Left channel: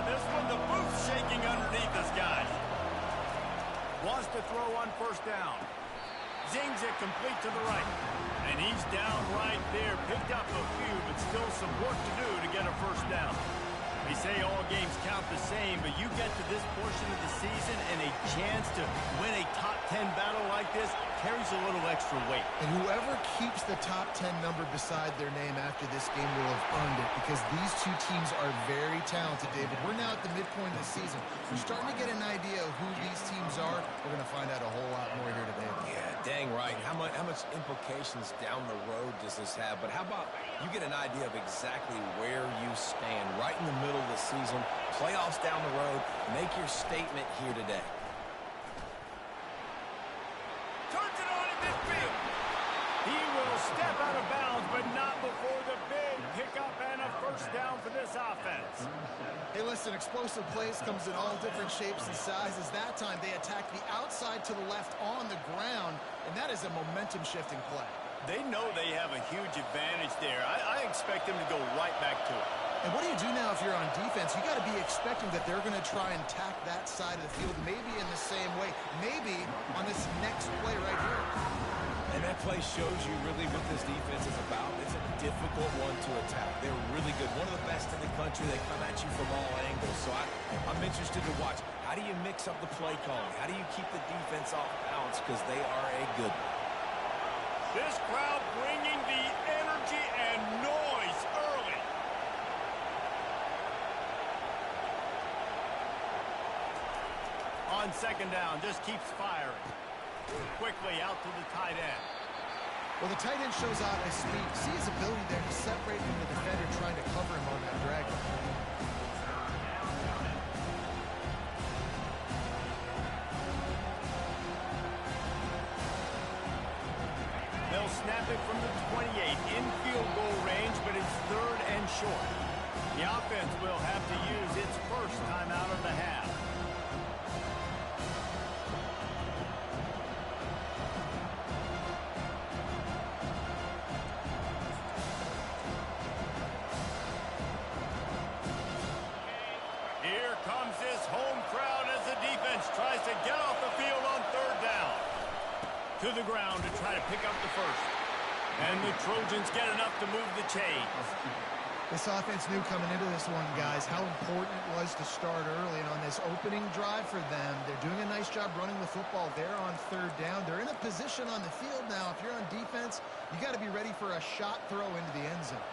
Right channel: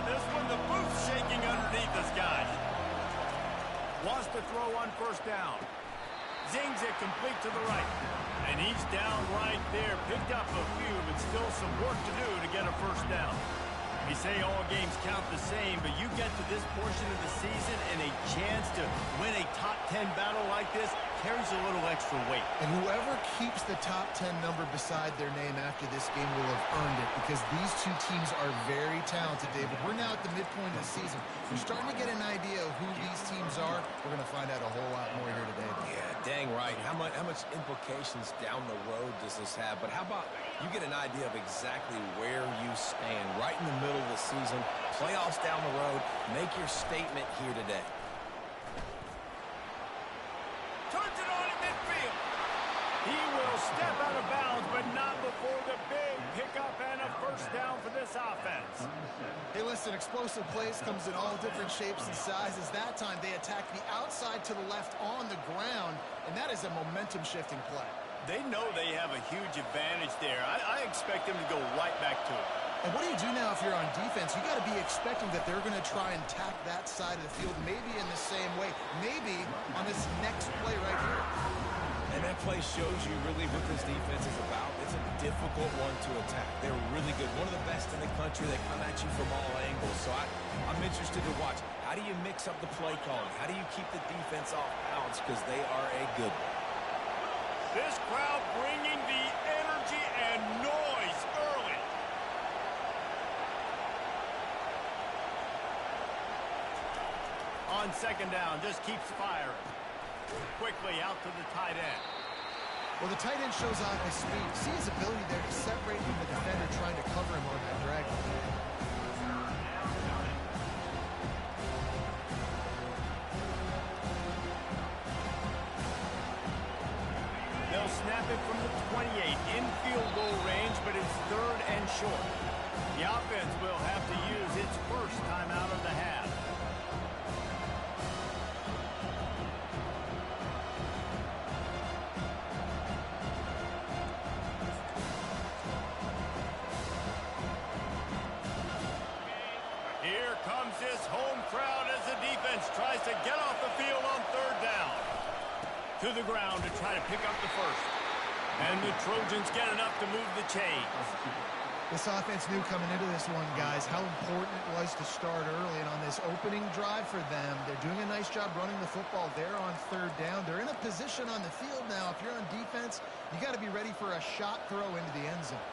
for this one. The booth's shaking underneath us, guys. Wants to throw on first down. Zings it complete to the right. And he's down right there. Picked up a few, but still some work to do to get a first down. We say all games count the same, but you get to this portion of the season and a chance to win a top 10 battle like this carries a little extra weight. And whoever keeps the top 10 number beside their name after this game will have earned it, because these two teams are very talented, David. We're now at the midpoint of the season. We're starting to get an idea of who these teams are. We're going to find out a whole lot more here today. Yeah, dang right. How much implications down the road does this have? But how about you get an idea of exactly where you stand right in the middle of the season, playoffs down the road, make your statement here today. Turns it on in midfield. He will step out of bounds, but not before the big pickup and a first down for this offense. Hey, listen, explosive plays comes in all different shapes and sizes. That time they attacked the outside to the left on the ground, and that is a momentum-shifting play. They know they have a huge advantage there. I expect them to go right back to it. And what do you do now if you're on defense? You got to be expecting that they're going to try and tack that side of the field, maybe in the same way, maybe on this next play right here. And that play shows you really what this defense is about. It's a difficult one to attack. They're really good. One of the best in the country. They come at you from all angles. So I'm interested to watch. How do you mix up the play calling? How do you keep the defense off balance? Because they are a good one. This crowd bringing the energy and noise early. On second down, just keeps firing. Quickly out to the tight end. Well, the tight end shows off his speed. See his ability there to separate from the defender trying to cover him on that drag. They'll snap it from the 28 in field goal range, but it's third and short. The offense will have to use its first timeout of the half. Here comes this home crowd as the defense tries to get off the field on third down. To the ground to try to pick up the first. And the Trojans get enough to move the chains. This offense knew coming into this one, guys, how important it was to start early. And on this opening drive for them, they're doing a nice job running the football. They're on third down. They're in a position on the field now. If you're on defense, you got to be ready for a shot throw into the end zone.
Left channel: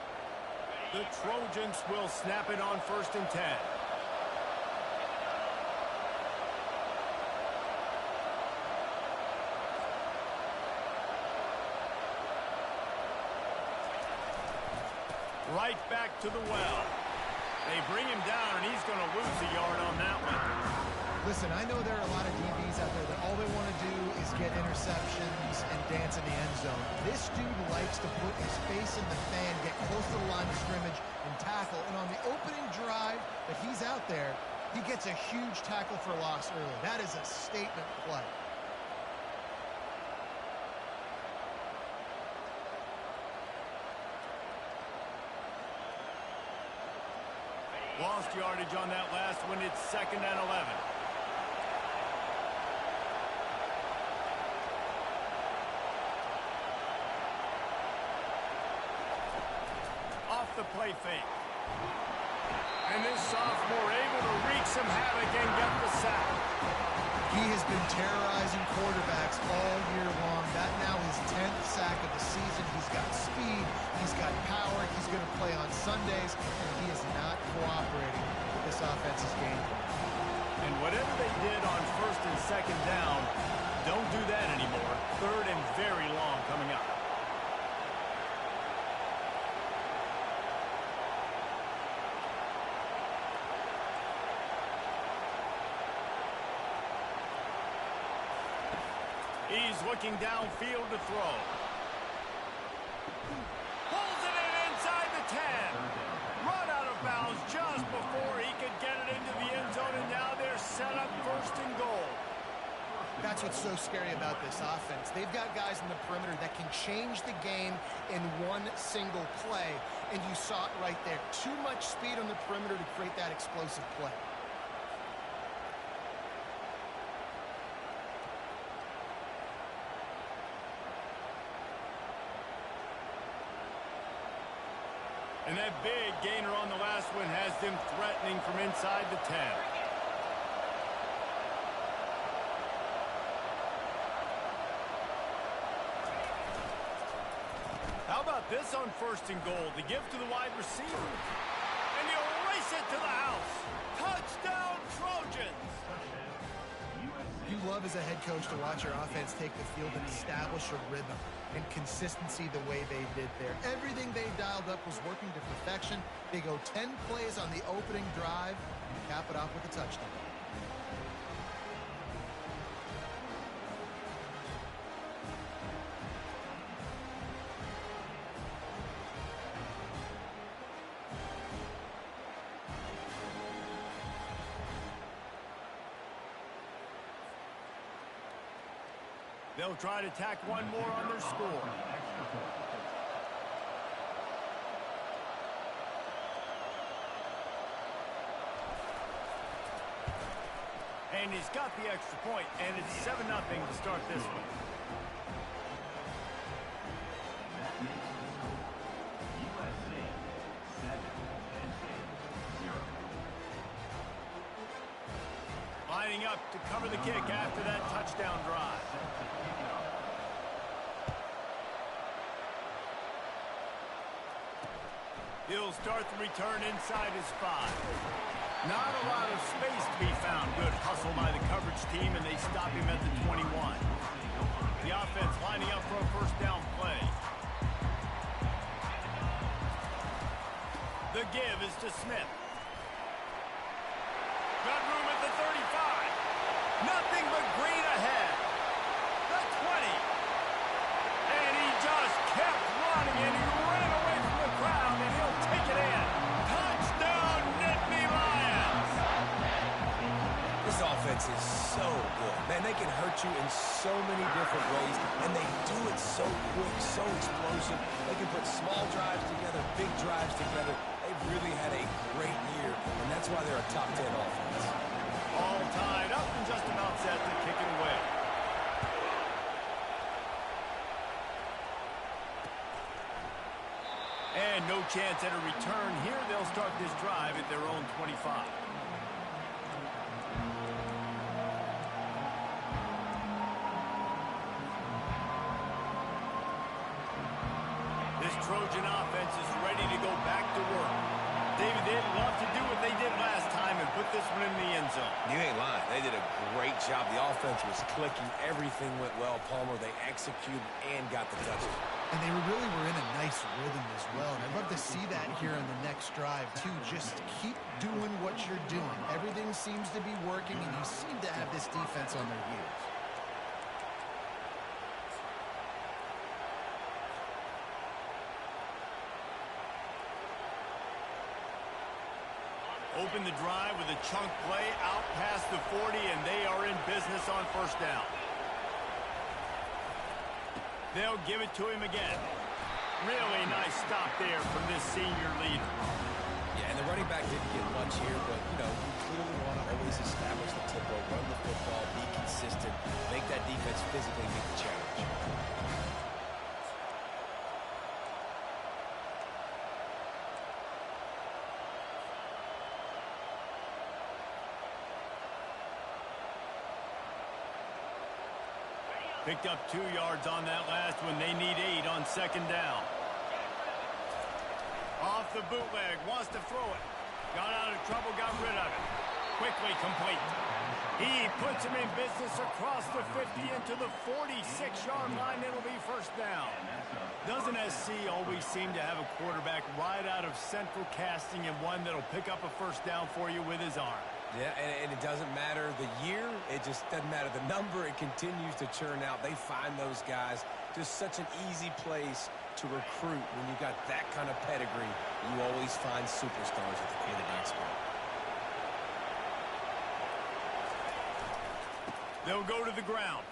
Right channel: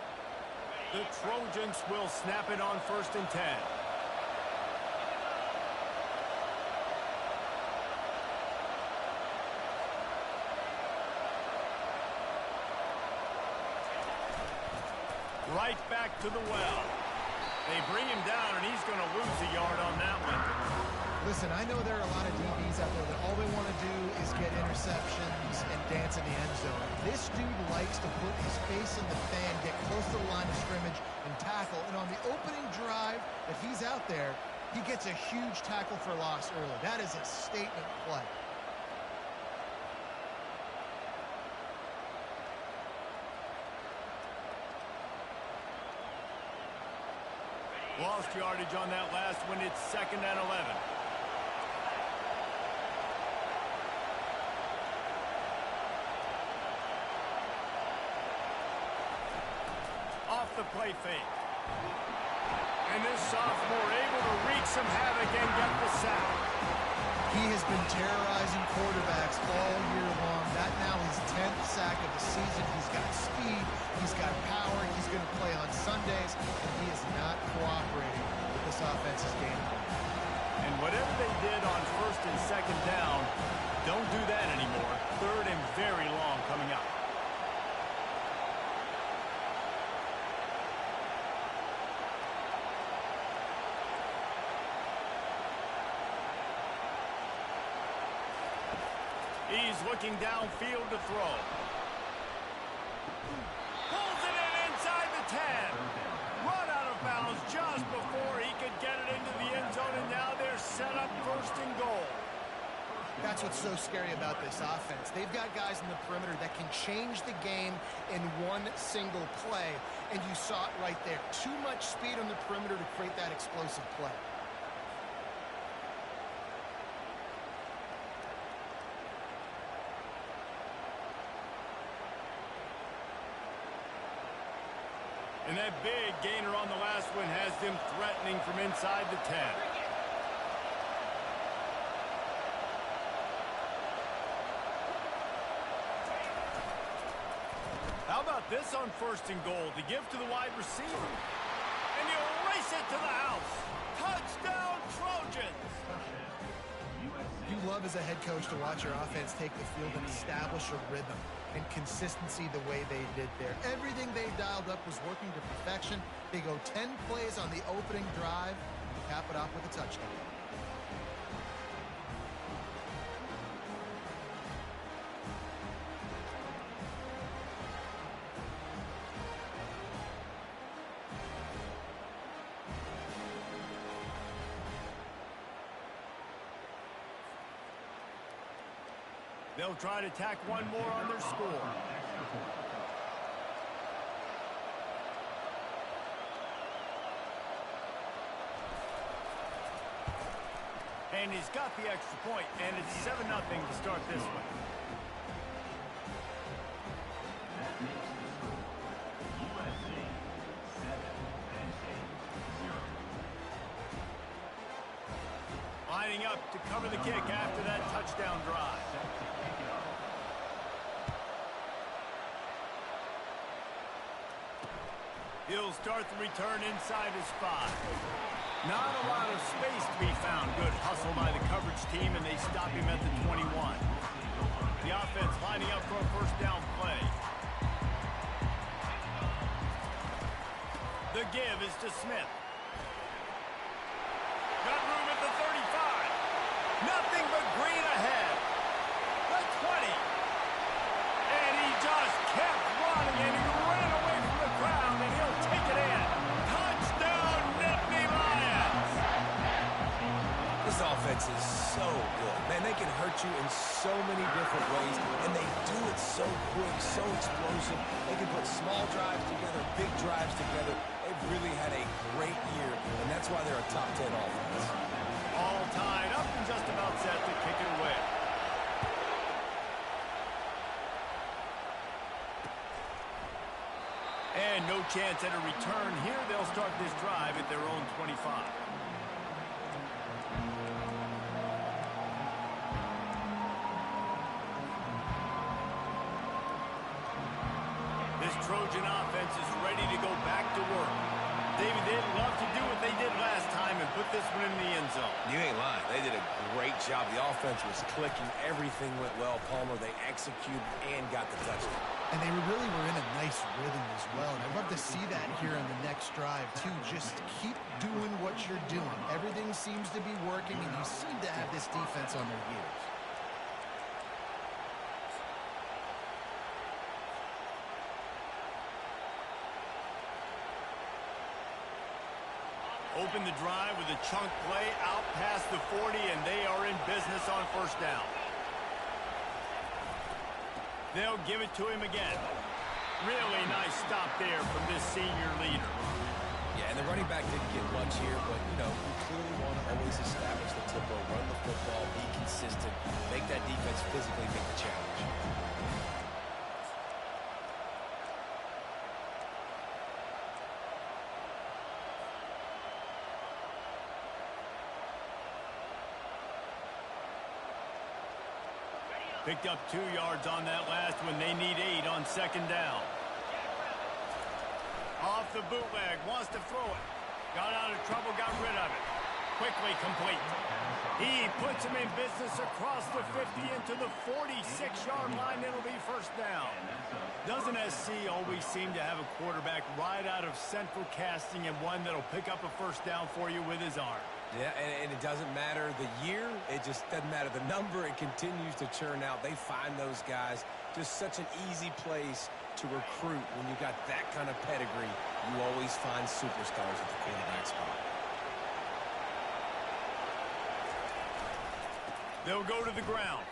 The Trojans will snap it on 1st and 10. Right back to the well. They bring him down, and he's going to lose a yard on that one. Listen, I know there are a lot of DBs out there that all they want to do is get interceptions and dance in the end zone. This dude likes to put his face in the fan, get close to the line of scrimmage, and tackle. And on the opening drive that he's out there, he gets a huge tackle for loss early. That is a statement play. Lost yardage on that last one. It's 2nd and 11. Off the play fake. And this sophomore able to wreak some havoc and get the sack. He has been terrorizing quarterbacks all year long. That now his 10th sack of the season. He's got speed. He's got power. He's going to play on Sundays, and he is not cooperating with this offense's game plan. And whatever they did on 1st and 2nd down, don't do that anymore. 3rd and very long coming up. He's looking downfield to throw. Pulls it in inside the 10. Run out of bounds just before he could get it into the end zone, and now they're set up 1st and goal. That's what's so scary about this offense. They've got guys in the perimeter that can change the game in one single play, and you saw it right there. Too much speed on the perimeter to create that explosive play. And that big gainer on the last one has them threatening from inside the 10. How about this on 1st and goal? The give to the wide receiver. And you race it to the house. Touchdown, Trojans! You love as a head coach to watch your offense take the field and establish a rhythm and consistency the way they did there. Everything they dialed up was working to perfection. They go 10 plays on the opening drive and cap it off with a touchdown. They'll try to tack one more on their score. And he's got the extra point, and it's 7-0 to start this one. That makes the score USA 7-0. Lining up to cover the kick after that touchdown drive. He'll start the return inside his 5. Not a lot of space to be found. Good hustle by the coverage team, and they stop him at the 21. The offense lining up for a 1st down play. The give is to Smith. Got room at the 35. Nothing but green ahead. The 20. And he just kept running, and he ran away from the crowd, and he'll take it in. Touchdown, Nittany Lions! This offense is so good. Man, they can hurt you in so many different ways, and they do it so quick, so explosive. They can put small drives together, big drives together. They've really had a great year, and that's why they're a top 10 offense. All tied up and just about set to kick it away. And no chance at a return here. They'll start this drive at their own 25. This Trojan offense is ready to go back to work. David, they'd love to do what they did last time and put this one in the end zone. You ain't lying. They did a great job. The offense was clicking. Everything went well. Palmer, they executed and got the touchdown. And they really were in a nice rhythm as well. And I'd love to see that here in the next drive, too. Just keep doing what you're doing. Everything seems to be working, and you seem to have this defense on their heels. Open the drive with a chunk play out past the 40, and they are in business on 1st down. They'll give it to him again. Really nice stop there from this senior leader. Yeah, and the running back didn't get much here, but, you know, you clearly want to always establish the tempo, run the football, be consistent, make that defense physically meet the challenge. Picked up 2 yards on that last one. They need 8 on 2nd down. Off the bootleg, wants to throw it. Got out of trouble, got rid of it. Quickly complete. He puts him in business across the 50 into the 46-yard line. It'll be 1st down. Doesn't SC always seem to have a quarterback right out of central casting and one that'll pick up a 1st down for you with his arm? Yeah, and it doesn't matter the year. It just doesn't matter the number. It continues to churn out. They find those guys. Just such an easy place to recruit. When you got that kind of pedigree, you always find superstars at the quarterback spot. They'll go to the ground.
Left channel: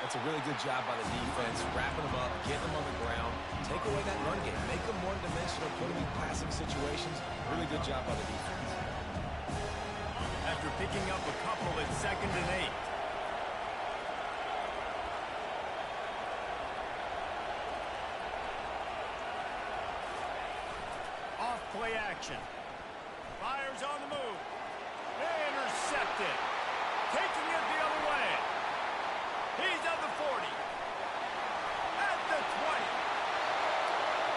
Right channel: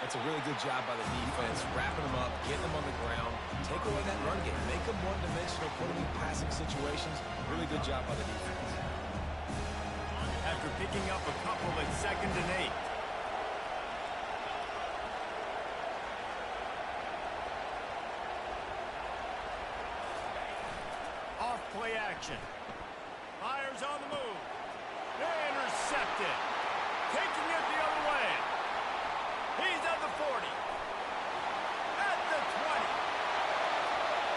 That's a really good job by the defense, wrapping them up, getting them on the ground, take away that run game, make them one-dimensional, put them in passing situations. Really good job by the defense. After picking up a couple, it's 2nd and 8. Off play action. Fires on the move. Intercepted. Taking it the other way. He's at the 40. At the 20.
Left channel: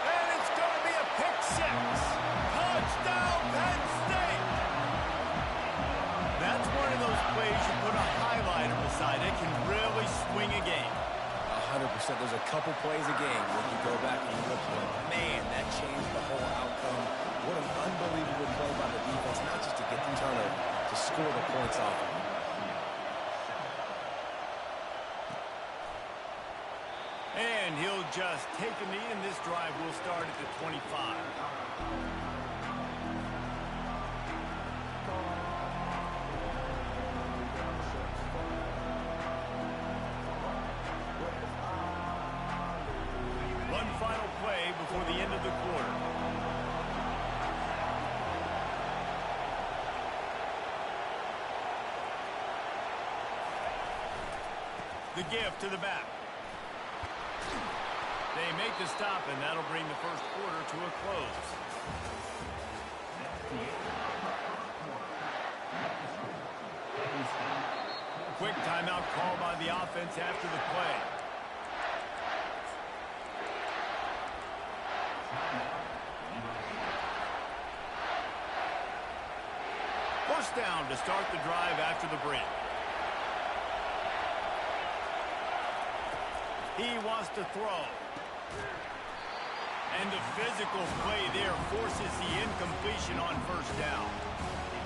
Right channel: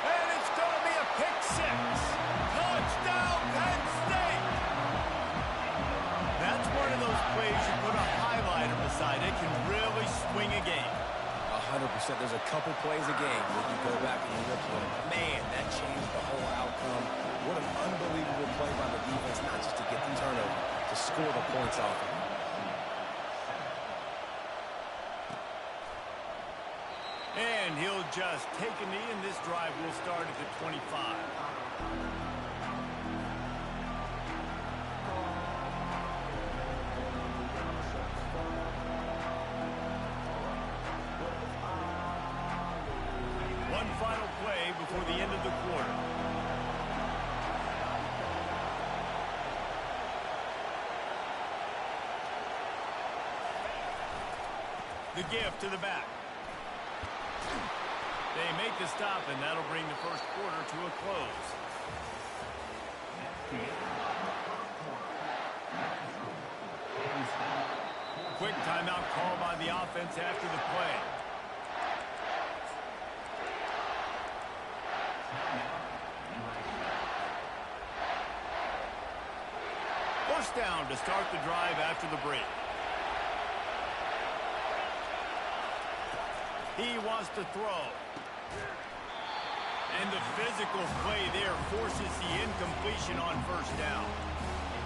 And it's going to be a pick 6. Touchdown, Penn State. That's one of those plays you put a highlighter beside it, can really swing a game. 100%. There's a couple plays a game where you go back and you look at it, man, that changed the whole outcome. What an unbelievable play by the defense, not just to get the turnover, to score the points off of it. And he'll just take a knee, and this drive will start at the 25. One final play before the end of the quarter. The give to the back. They make the stop, and that'll bring the first quarter to a close. Quick timeout call by the offense after the play. First down to start the drive after the break. He wants to throw. And the physical play there forces the incompletion on first down.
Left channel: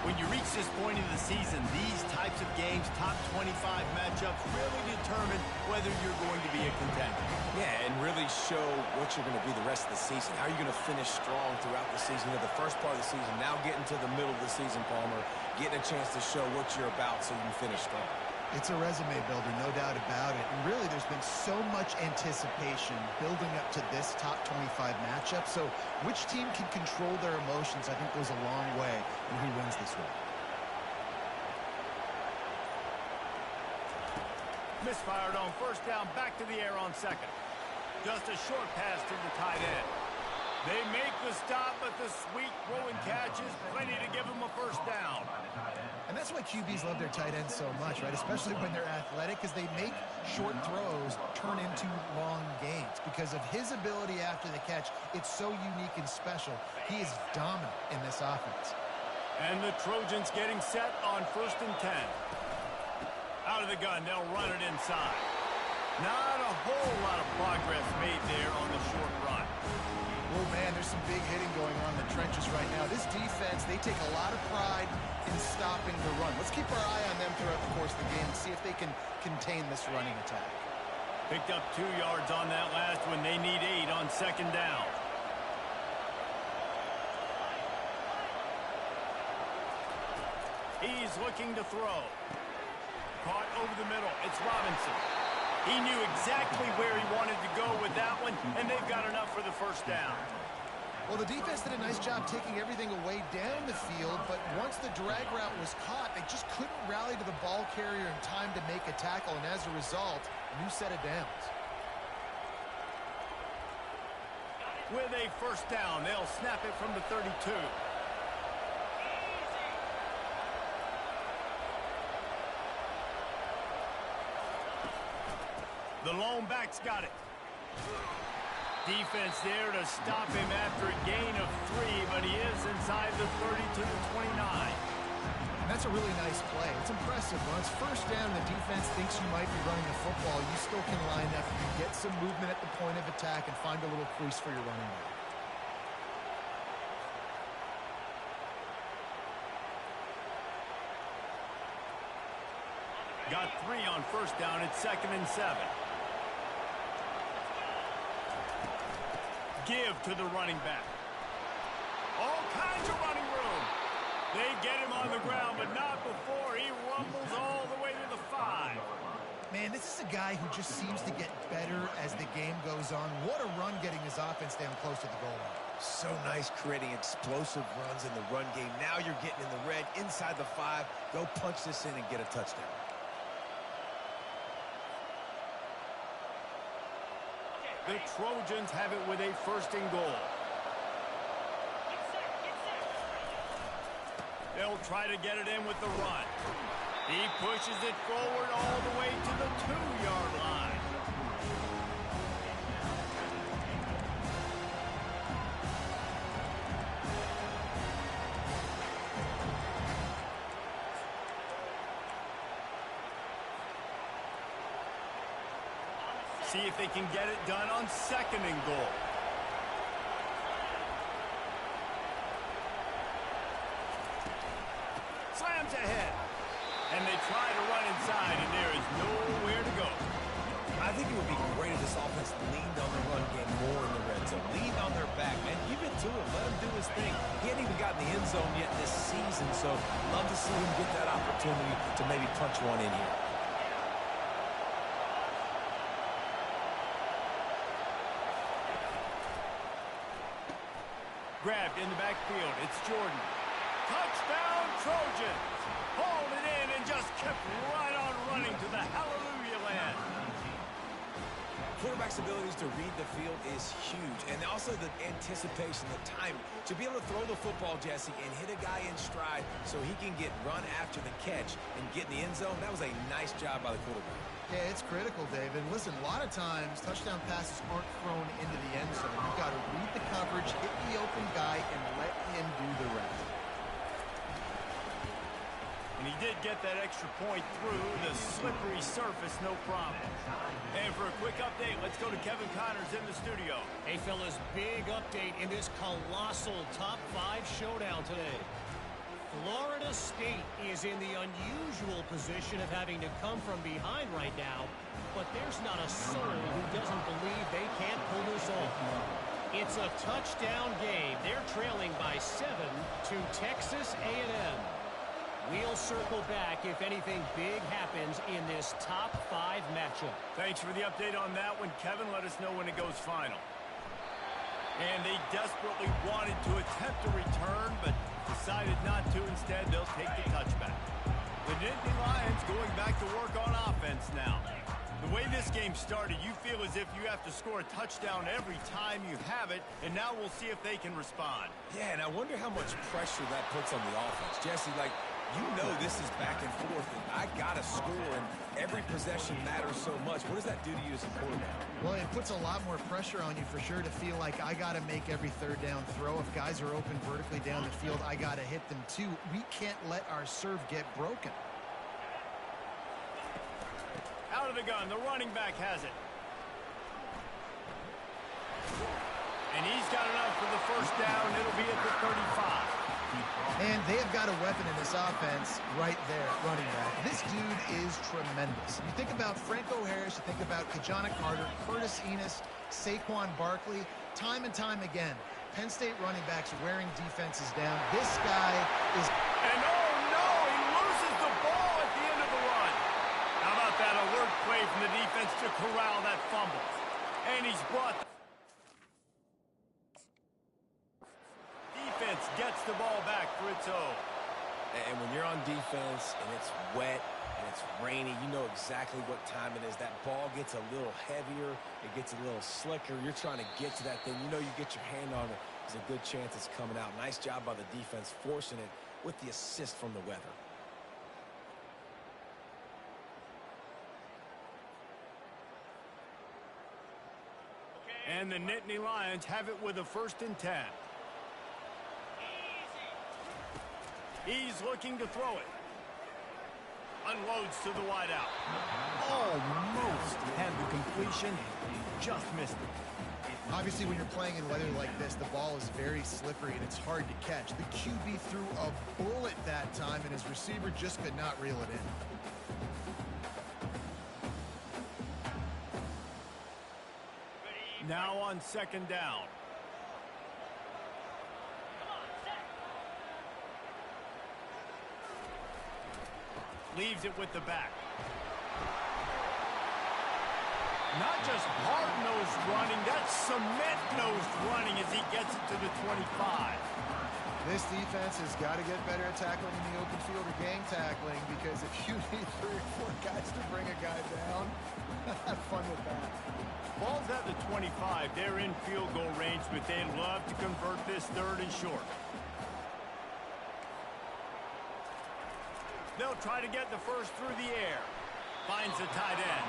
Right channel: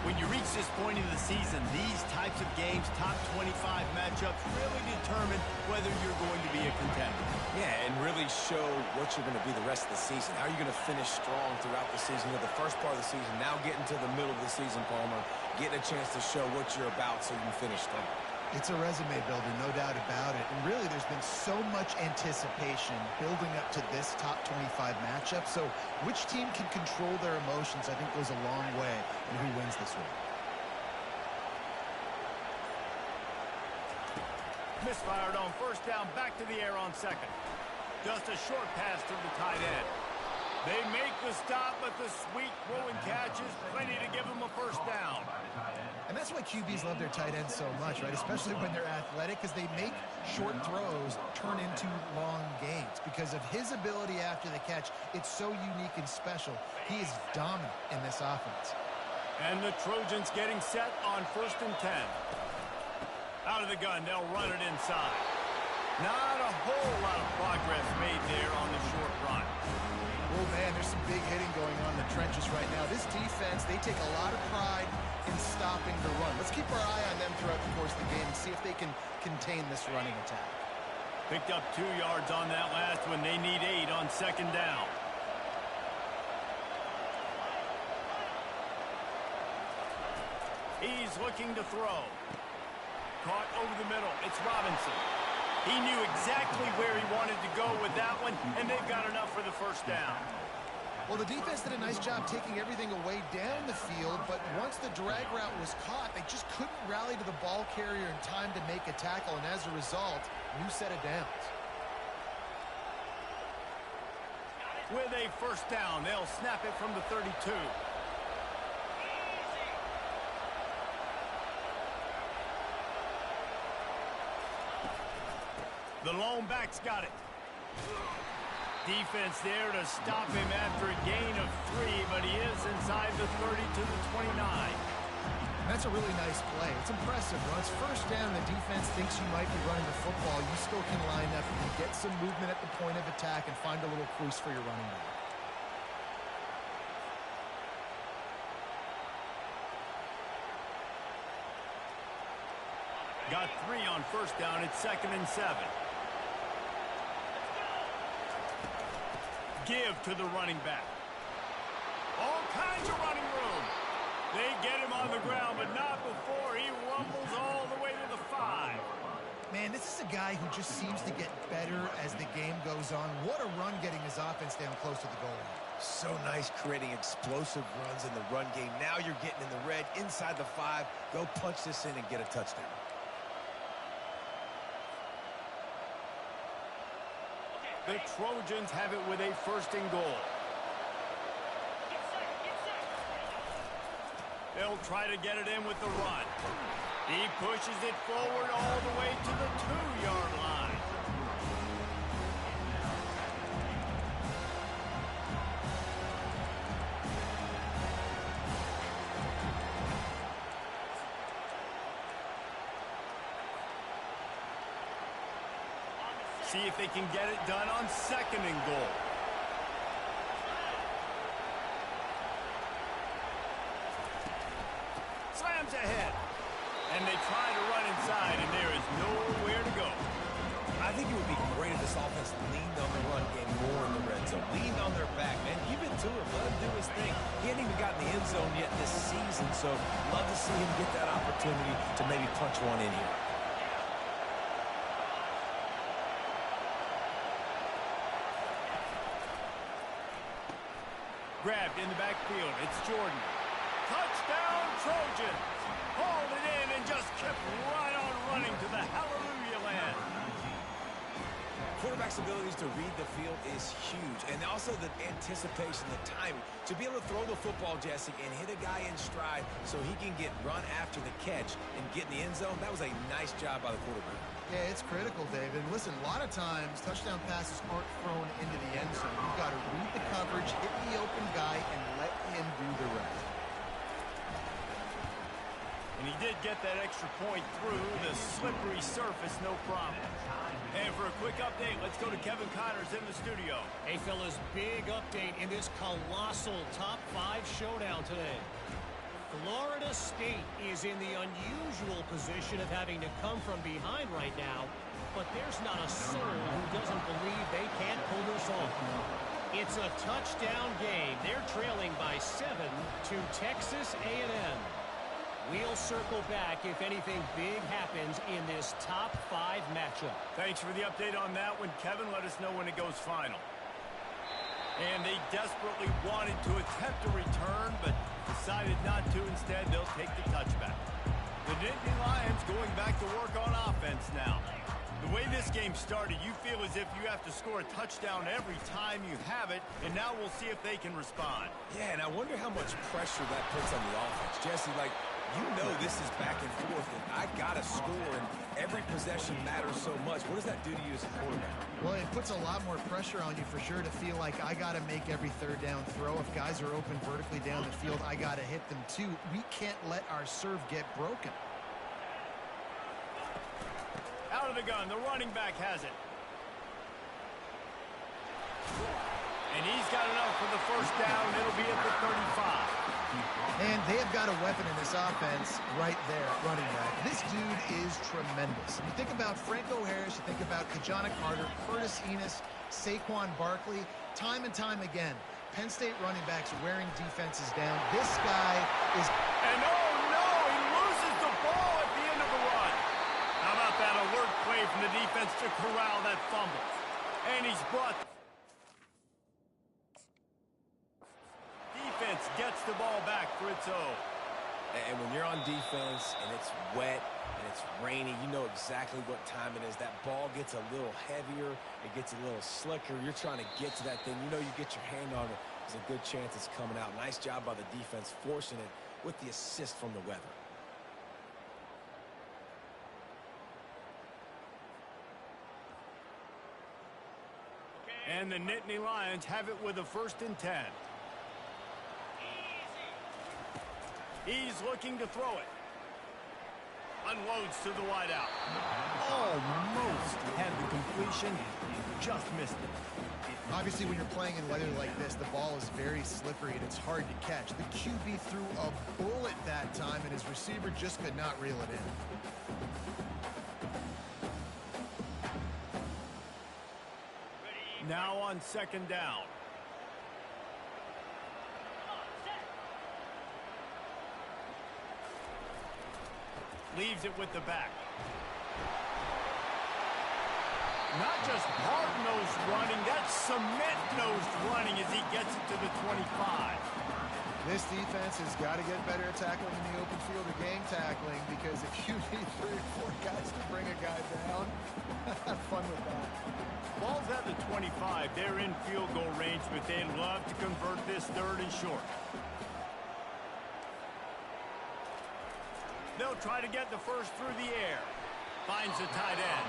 When you reach this point of the season, these types of games, top 25 matchups, really determine whether you're going to be a contender. Yeah, and really show what you're going to be the rest of the season. How are you going to finish strong throughout the season? You know, the first part of the season, now getting to the middle of the season, Palmer, getting a chance to show what you're about so you can finish strong. It's a resume builder, no doubt about it. And really, there's been so much anticipation building up to this top 25 matchup. So which team can control their emotions, I think, goes a long way in who wins this one. Misfired on first down, back to the air on second. Just a short pass to the tight end. They make the stop, but the sweet throw and catch is plenty to give them a first down. And that's why QBs love their tight ends so much, right? Especially when they're athletic, because they make short throws turn into long gains. Because of his ability after the catch, it's so unique and special. He is dominant in this offense. And the Trojans getting set on 1st and 10. Out of the gun, they'll run it inside. Not a whole lot of progress made there on the short run. Oh, man, there's some big hitting going on in the trenches right now. This defense, they take a lot of pride in stopping the run. Let's keep our eye on them throughout the course of the game and see if they can contain this running attack. Picked up 2 yards on that last one. They need 8 on second down. He's looking to throw. Caught over the middle. It's Robinson. He knew exactly where he wanted to go with that one, and they've got enough for the first down. Well, the defense did a nice job taking everything away down the field, but once the drag route was caught, they just couldn't rally to the ball carrier in time to make a tackle, and as a result, new set of downs. With a first down, they'll snap it from the 32. The lone back's got it. Defense there to stop him after a gain of 3, but he is inside the 30 to the 29. And that's a really nice play. It's impressive. When it's first down, the defense thinks you might be running the football. You still can line up. You get some movement at the point of attack and find a little crease for your running back. Got 3 on first down. It's 2nd and 7. Give to the running back. All kinds of running room. They get him on the ground, but not before he rumbles all the way to the 5. Man, this is a guy who just seems to get better as the game goes on. What a run getting his offense down close to the goal line. So nice creating explosive runs in the run game. Now you're getting in the red, inside the 5. Go punch this in and get a touchdown. The Trojans have it with a 1st and goal. They'll try to get it in with the run. He pushes it forward all the way to the 2-yard line. See if they can get it done on 2nd and goal. Slams ahead. And they try to run inside, and there is nowhere to go. I think it would be great if this offense leaned on the run game more in the red zone. Leaned on their back, man. Give it to him. Let him do his thing. He hasn't even gotten the end zone yet this season, so love to see him get that opportunity to maybe punch one in here. Grabbed in the backfield. It's Jordan. Touchdown, Trojans. Hauled it in and just kept right on running to the hallelujah land. Quarterback's abilities to read the field is huge, and also the anticipation, the timing. To be able to throw the football, Jesse, and hit a guy in stride so he can get run after the catch and get in the end zone, that was a nice job by the quarterback. Yeah, it's critical, David. Listen, a lot of times touchdown passes aren't thrown into the end zone. You've got to read the coverage, hit the open guy, and let him do the rest. And he did get that extra point through the slippery surface, no problem. And for a quick update, let's go to Kevin Connors in the studio. Hey, fellas, big update in this colossal top 5 showdown today. Florida State is in the unusual position of having to come from behind right now, but there's not a soul who doesn't believe they can't pull this off. It's a touchdown game. They're trailing by 7 to Texas A&M. We'll circle back if anything big happens in this top 5 matchup. Thanks for the update on that one, Kevin. Let us know when it goes final. And they desperately wanted to attempt a return, but decided not to. Instead, they'll take the touchback. The Nittany Lions going back to work on offense now. The way this game started, you feel as if you have to score a touchdown every time you have it, and now we'll see if they can respond. Yeah, and I wonder how much pressure that puts on the offense. Jesse, like, you know this is back and forth, and I got to score, and every possession matters so much. What does that do to you as a quarterback? Well, it puts a lot more pressure on you for sure to feel like I got to make every 3rd down throw. If guys are open vertically down the field, I got to hit them too. We can't let our serve get broken. Out of the gun, the running back has it. And he's got enough for the 1st down. It'll be at the 35. And they have got a weapon in this offense right there at running back. This dude is tremendous. You think about Franco Harris, you think about Kajana Carter, Curtis Enos, Saquon Barkley, time and time again. Penn State running backs wearing defenses down. This guy is... And oh no, he loses the ball at the end of the run. How about that alert play from the defense to corral that fumble? And he's brought... Defense gets the ball back for its own. And when you're on defense and it's wet and it's rainy, you know exactly what time it is. That ball gets a little heavier. It gets a little slicker. You're trying to get to that thing. You know you get your hand on it. There's a good chance it's coming out. Nice job by the defense forcing it with the assist from the weather. And the Nittany Lions have it with a 1st and 10. He's looking to throw it. Unloads to the wideout. Almost had the completion. Just missed it. Obviously, when you're playing in weather like this, the ball is very slippery and it's hard to catch. The QB threw a bullet that time, and his receiver just could not reel it in. Now on 2nd down. leaves it with the back. Not just hard-nosed running, that's cement-nosed running as he gets it to the 25. This defense has got to get better at tackling in the open field or gang tackling, because if you need 3 or 4 guys to bring a guy down, have fun with that. Ball's at the 25. They're in field goal range, but they'd love to convert this 3rd and short. They'll try to get the first through the air. Finds the tight end.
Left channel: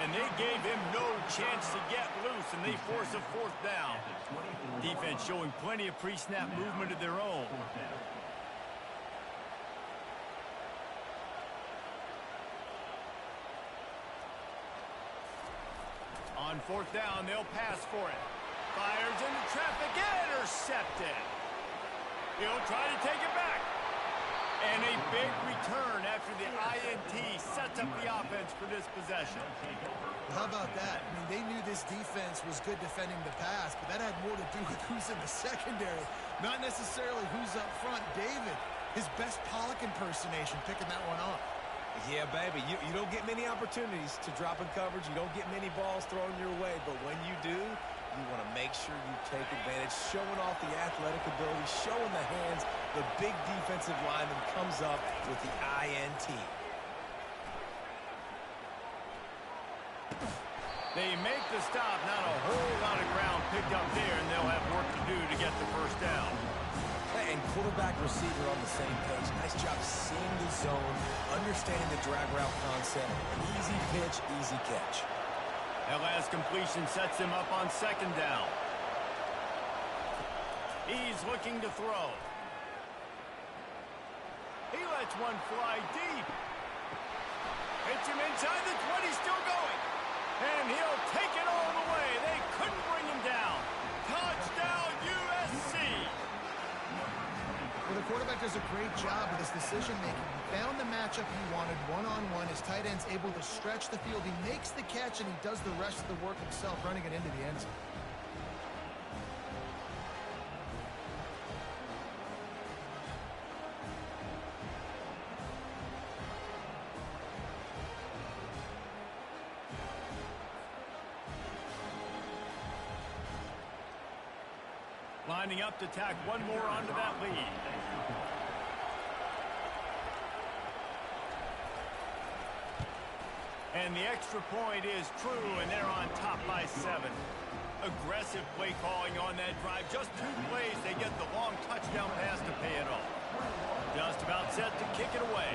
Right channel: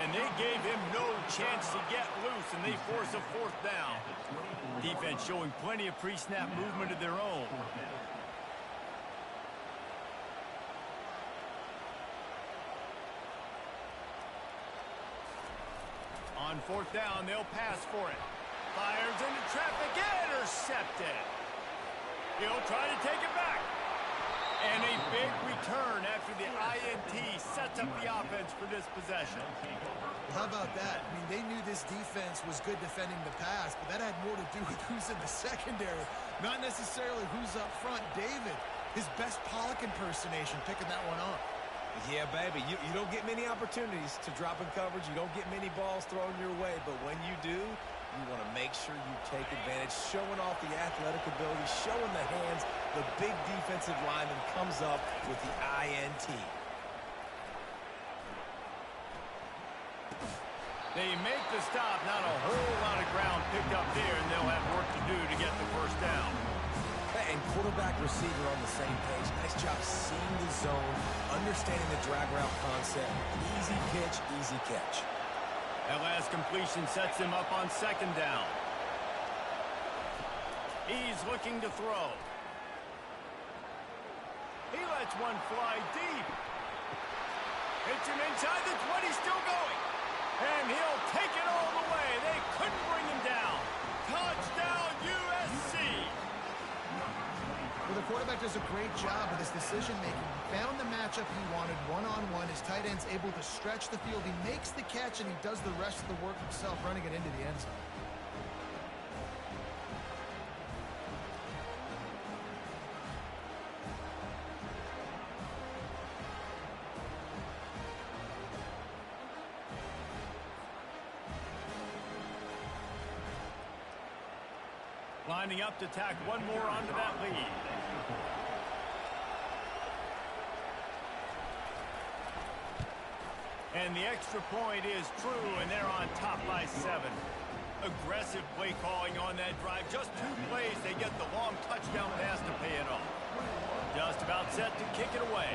And they gave him no chance to get loose, and they force a 4th down. Defense showing plenty of pre-snap movement of their own. On 4th down, they'll pass for it. Fires into traffic, intercepted. He'll try to take it back. And a big return after the INT sets up the offense for this possession. How about that? I mean, they knew this defense was good defending the pass, but that had more to do with who's in the secondary, not necessarily who's up front. David, his best Pollock impersonation, picking that one off. Yeah, baby, you don't get many opportunities to drop in coverage. You don't get many balls thrown your way, but when you do, you want to make sure you take advantage, showing off the athletic ability, showing the hands. The big defensive lineman comes up with the INT. They make the stop. Not a whole lot of ground picked up there, and they'll have work to do to get the first down. And quarterback receiver on the same page. Nice job seeing the zone, understanding the drag route concept. Easy pitch, easy catch. That last completion sets him up on 2nd down. He's looking to throw. He lets one fly deep. Hits him inside the 20, still going. And he'll take it all the way. They couldn't bring him down. Touchdown, USC. Well, the quarterback does a great job with his decision-making. He found the matchup he wanted one-on-one. His tight end's able to stretch the field. He makes the catch, and he does the rest of the work himself, running it into the end zone. Lining up to tack one more onto that lead. And the extra point is true, and they're on top by 7. Aggressive play calling on that drive. Just 2 plays, they get the long touchdown pass to pay it off. Just about set to kick it away.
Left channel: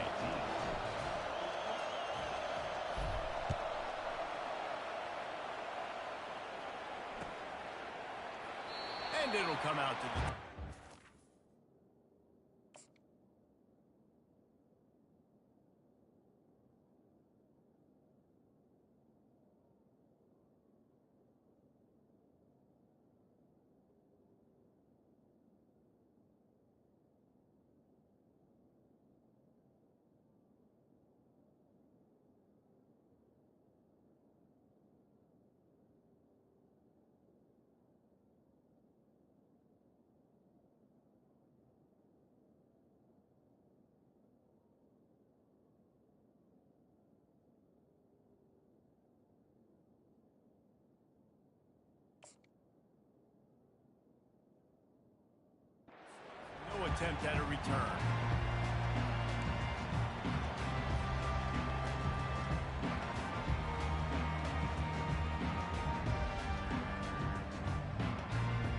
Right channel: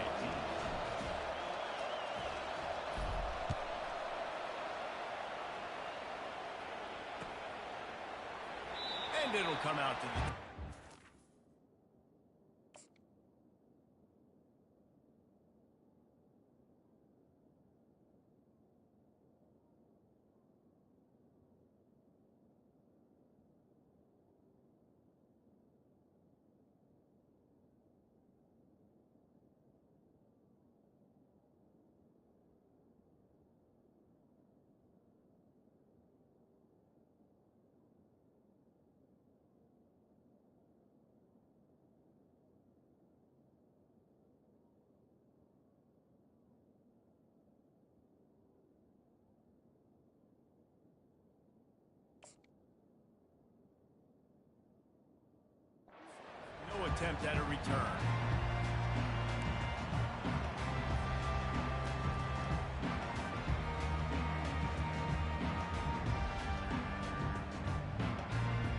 And it'll come out to the... No attempt at a return.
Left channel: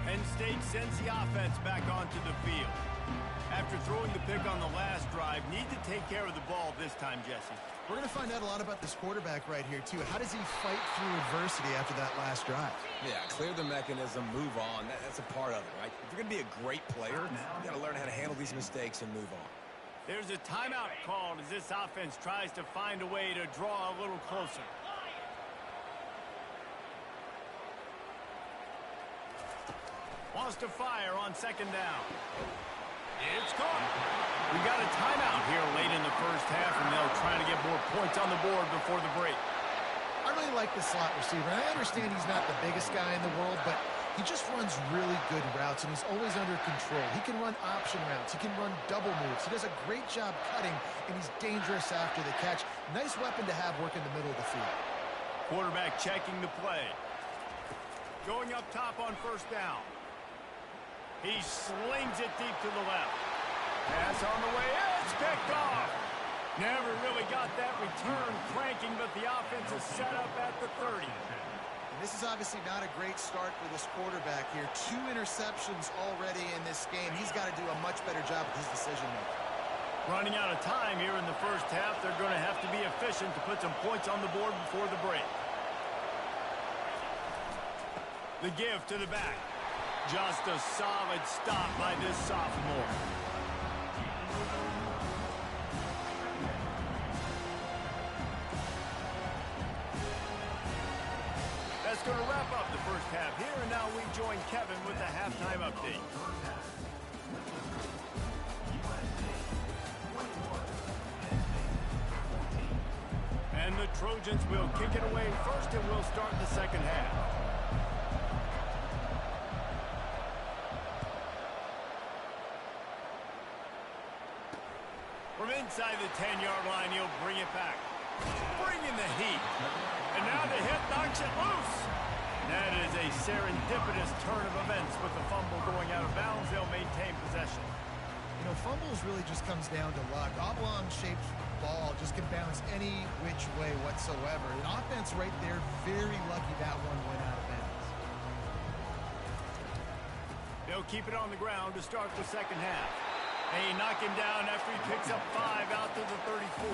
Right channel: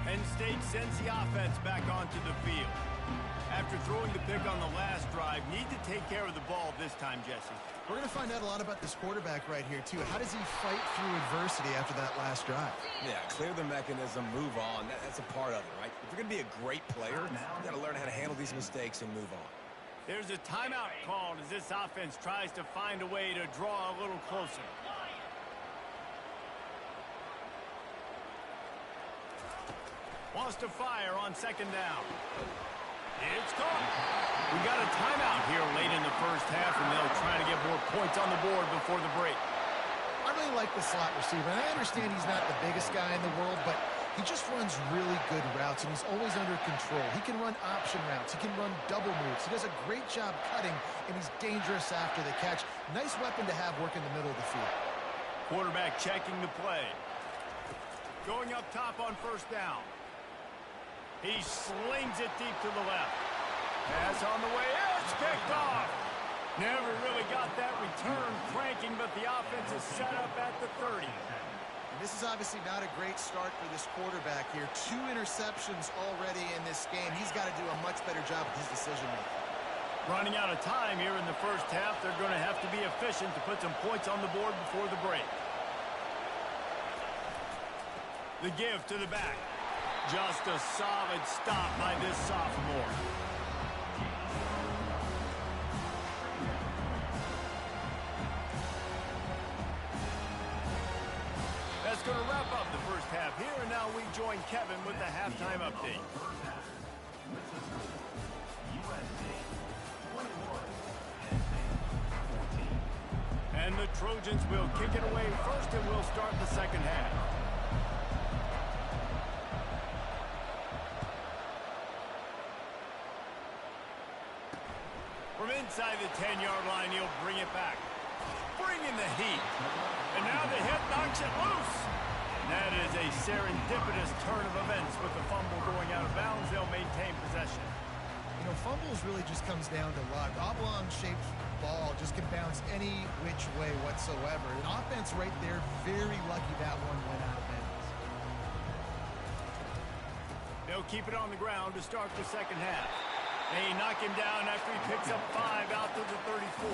Penn State sends the offense back onto the field. After throwing the pick on the last drive, need to take care of the ball this time, Jesse. We're going to find out a lot about this quarterback right here, too. How does he fight through adversity after that last drive? Yeah, clear the mechanism, move on. That's a part of it, right? If you're going to be a great player, you got to learn how to handle these mistakes and move on. There's a timeout called as this offense tries to find a way to draw a little closer. Wants to fire on 2nd down. It's caught. We got a timeout here late in the first half, and they'll try to get more points on the board before the break. I really like the slot receiver, and I understand he's not the biggest guy in the world, but He just runs really good routes, and he's always under control. He can run option routes. He can run double moves. He does a great job cutting, and he's dangerous after the catch. Nice weapon to have working the middle of the field. Quarterback checking the play. Going up top on first down. He slings it deep to the left. Pass on the way. It's picked off. Never really got that return cranking, but the offense is set up at the 30. And this is obviously not a great start for this quarterback here. 2 interceptions already in this game. He's got to do a much better job with his decision-making. Running out of time here in the first half. They're going to have to be efficient to put some points on the board before the break. The give to the back. Just a solid stop by this sophomore. That's going to wrap up the first half here, and now we join Kevin with the halftime update. And the Trojans will kick it away first, and we'll start the second half. From inside the 10-yard line, he'll bring it back. Bringing the heat. And now the hit knocks it loose. And that is a serendipitous turn of events with the fumble going out of bounds. They'll maintain possession. You know, fumbles really just comes down to luck. Oblong-shaped ball just can bounce any which way whatsoever. An offense right there, very lucky that one went out of bounds. They'll keep it on the ground to start the second half. They knock him down after he picks up 5 out to the 34.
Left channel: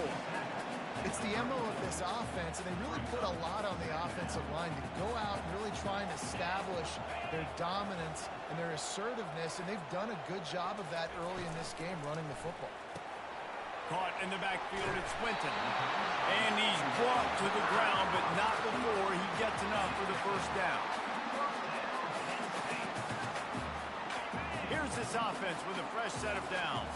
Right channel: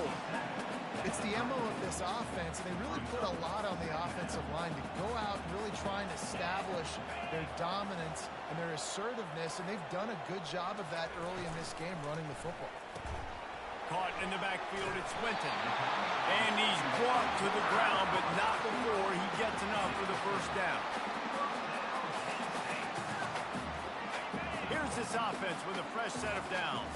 It's the MO of this offense, and they really put a lot on the offensive line to go out and really try and establish their dominance and their assertiveness, and they've done a good job of that early in this game running the football. Caught in the backfield, it's Swinton. And he's brought to the ground, but not before he gets enough for the first down. Here's this offense with a fresh set of downs.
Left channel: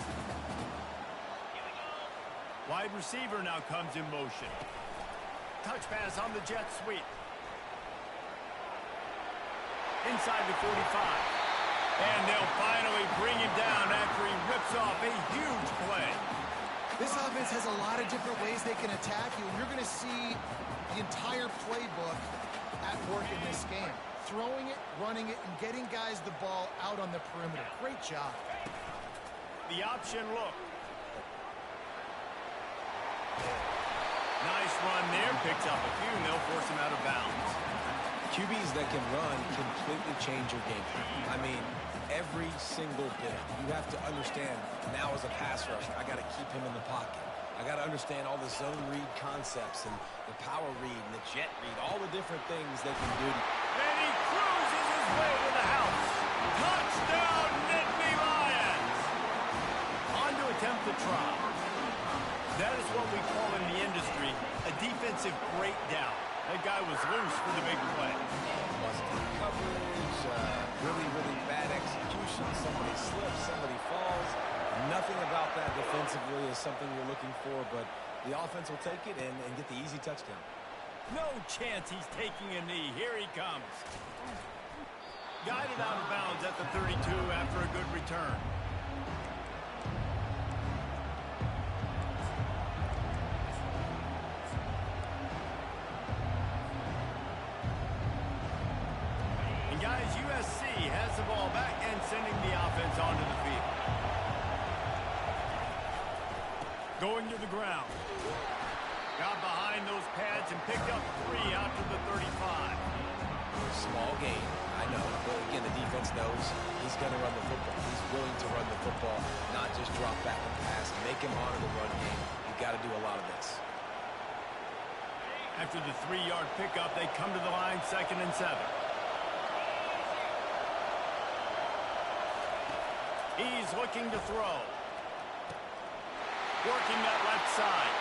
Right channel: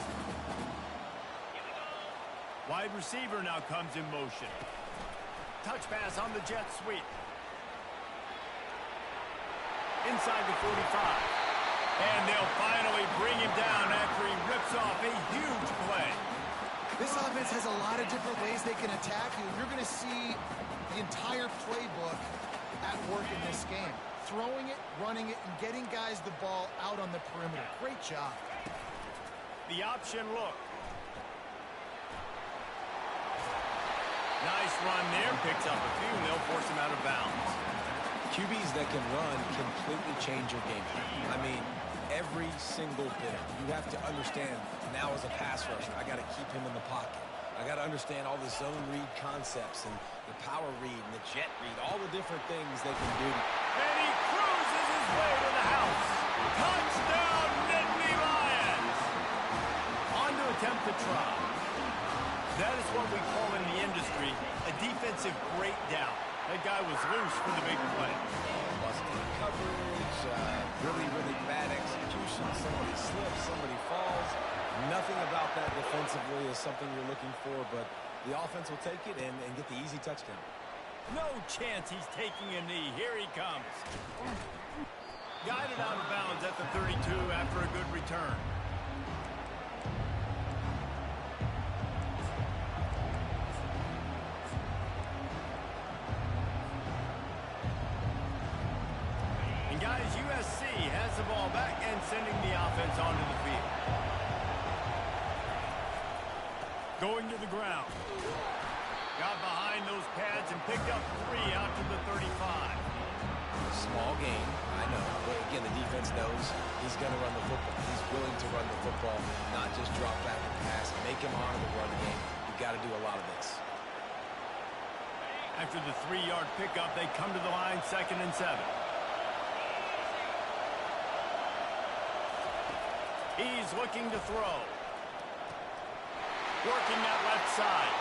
Wide receiver now comes in motion. Touch pass on the jet sweep. Inside the 45. And they'll finally bring him down after he rips off a huge play. This offense has a lot of different ways they can attack you, and you're going to see the entire playbook at work in this game. Throwing it, running it, and getting guys the ball out on the perimeter. Great job. The option look. Nice run there. Picks up a few, and they'll force him out of bounds. QBs that can run completely change your game plan. I mean, every single bit. You have to understand, now as a pass rusher, I got to keep him in the pocket. I got to understand all the zone read concepts and the power read and the jet read, all the different things they can do. And he cruises his way to the house. Touchdown, Nittany Lions! On to attempt the try. That is what we call in the industry a defensive breakdown. That guy was loose for the big play. Busted coverage, really, really bad execution. Somebody slips, somebody falls. Nothing about that defensively is something you're looking for, but the offense will take it and get the easy touchdown. No chance he's taking a knee. Here he comes. Guided out of bounds at the 32 after a good return. And guys, USC has the ball back and sending the offense onto the field. Going to the ground. Got behind those pads and picked up 3 out to the 35. Small gain, I know, but again, the defense knows he's going to run the football. He's willing to run the football, not just drop back and pass, make him honor the run game. You've got to do a lot of this. After the 3-yard pickup, they come to the line, 2nd and 7. He's looking to throw. Working that left side.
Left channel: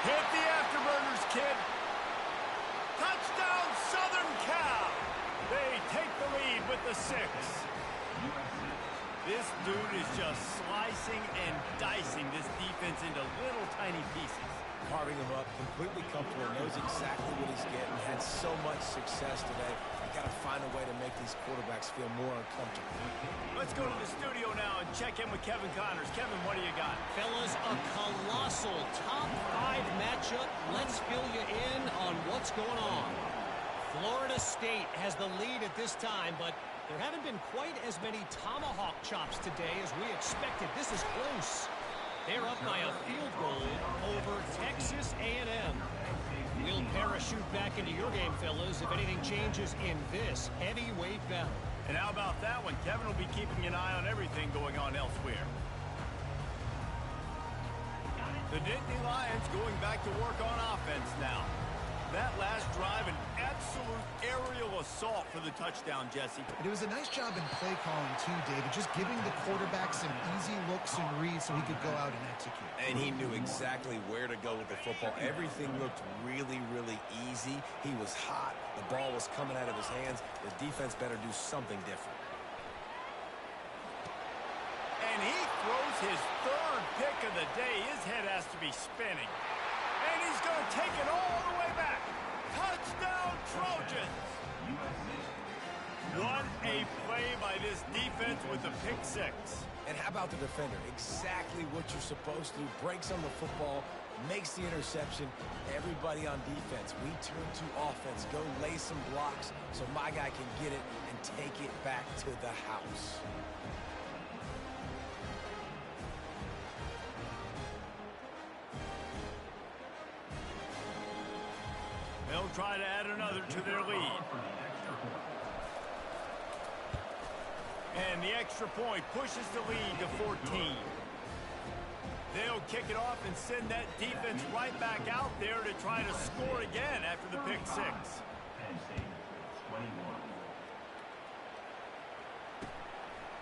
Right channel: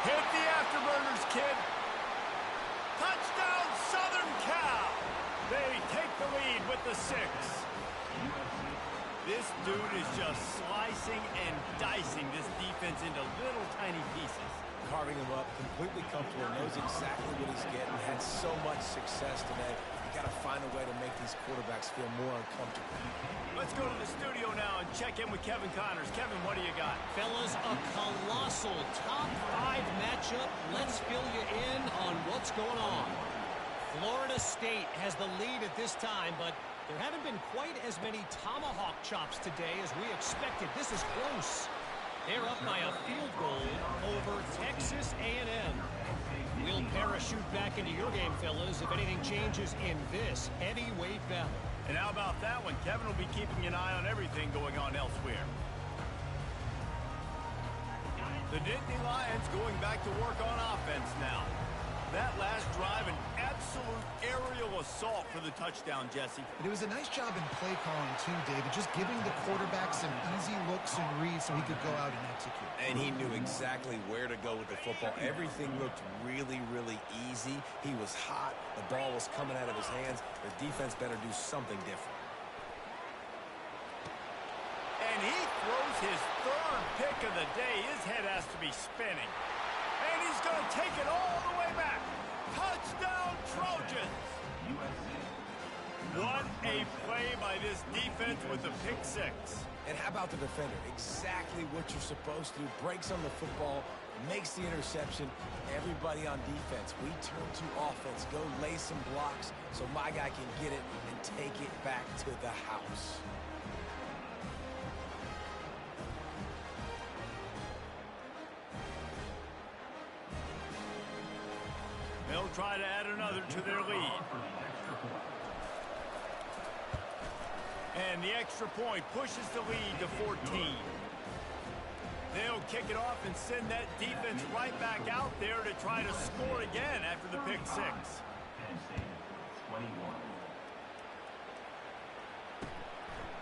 Hit the afterburners, kid. Touchdown, Southern Cal. They take the lead with the 6. This dude is just slicing and dicing this defense into little tiny pieces. Carving him up, completely comfortable, knows exactly what he's getting, had so much success today. You got to find a way to make these quarterbacks feel more uncomfortable. Let's go to the studio now and check in with Kevin Connors. Kevin, what do you got? Fellas, a colossal top 5 matchup. Let's fill you in on what's going on. Florida State has the lead at this time, but there haven't been quite as many tomahawk chops today as we expected. This is close. They're up by a field goal over Texas A&M. We'll parachute back into your game, fellas, if anything changes in this heavyweight battle. And how about that one? Kevin will be keeping an eye on everything going on elsewhere. The Nittany Lions going back to work on offense now. That last drive, an absolute aerial assault for the touchdown, Jesse. And it was a nice job in play calling, too, David. Just giving the quarterback some easy looks and reads so he could go out and execute. And he knew exactly where to go with the football. Everything looked really, really easy. He was hot. The ball was coming out of his hands. The defense better do something different. And he throws his third pick of the day. His head has to be spinning. And he's going to take it all the way back. Touchdown, Trojans. What a play by this defense with the pick six. And how about the defender? Exactly what you're supposed to do. Breaks on the football, makes the interception. Everybody on defense, we turn to offense. Go lay some blocks so my guy can get it and take it back to the house. They'll try to add another to their lead. And the extra point pushes the lead to 14. They'll kick it off and send that defense right back out there to try to score again after the pick six.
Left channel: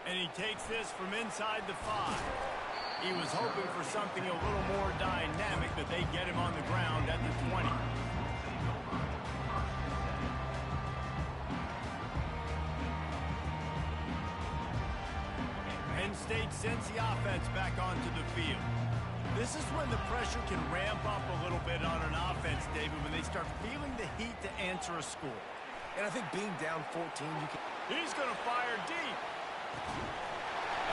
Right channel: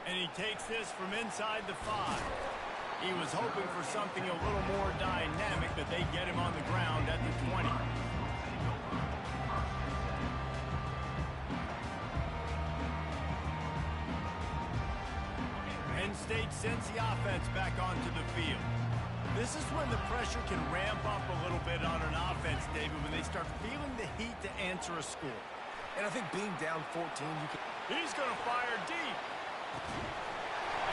And he takes this from inside the 5. He was hoping for something a little more dynamic, but they get him on the ground at the 20. Penn State sends the offense back onto the field. This is when the pressure can ramp up a little bit on an offense, David, when they start feeling the heat to answer a score. And I think being down 14, you can... He's going to fire deep.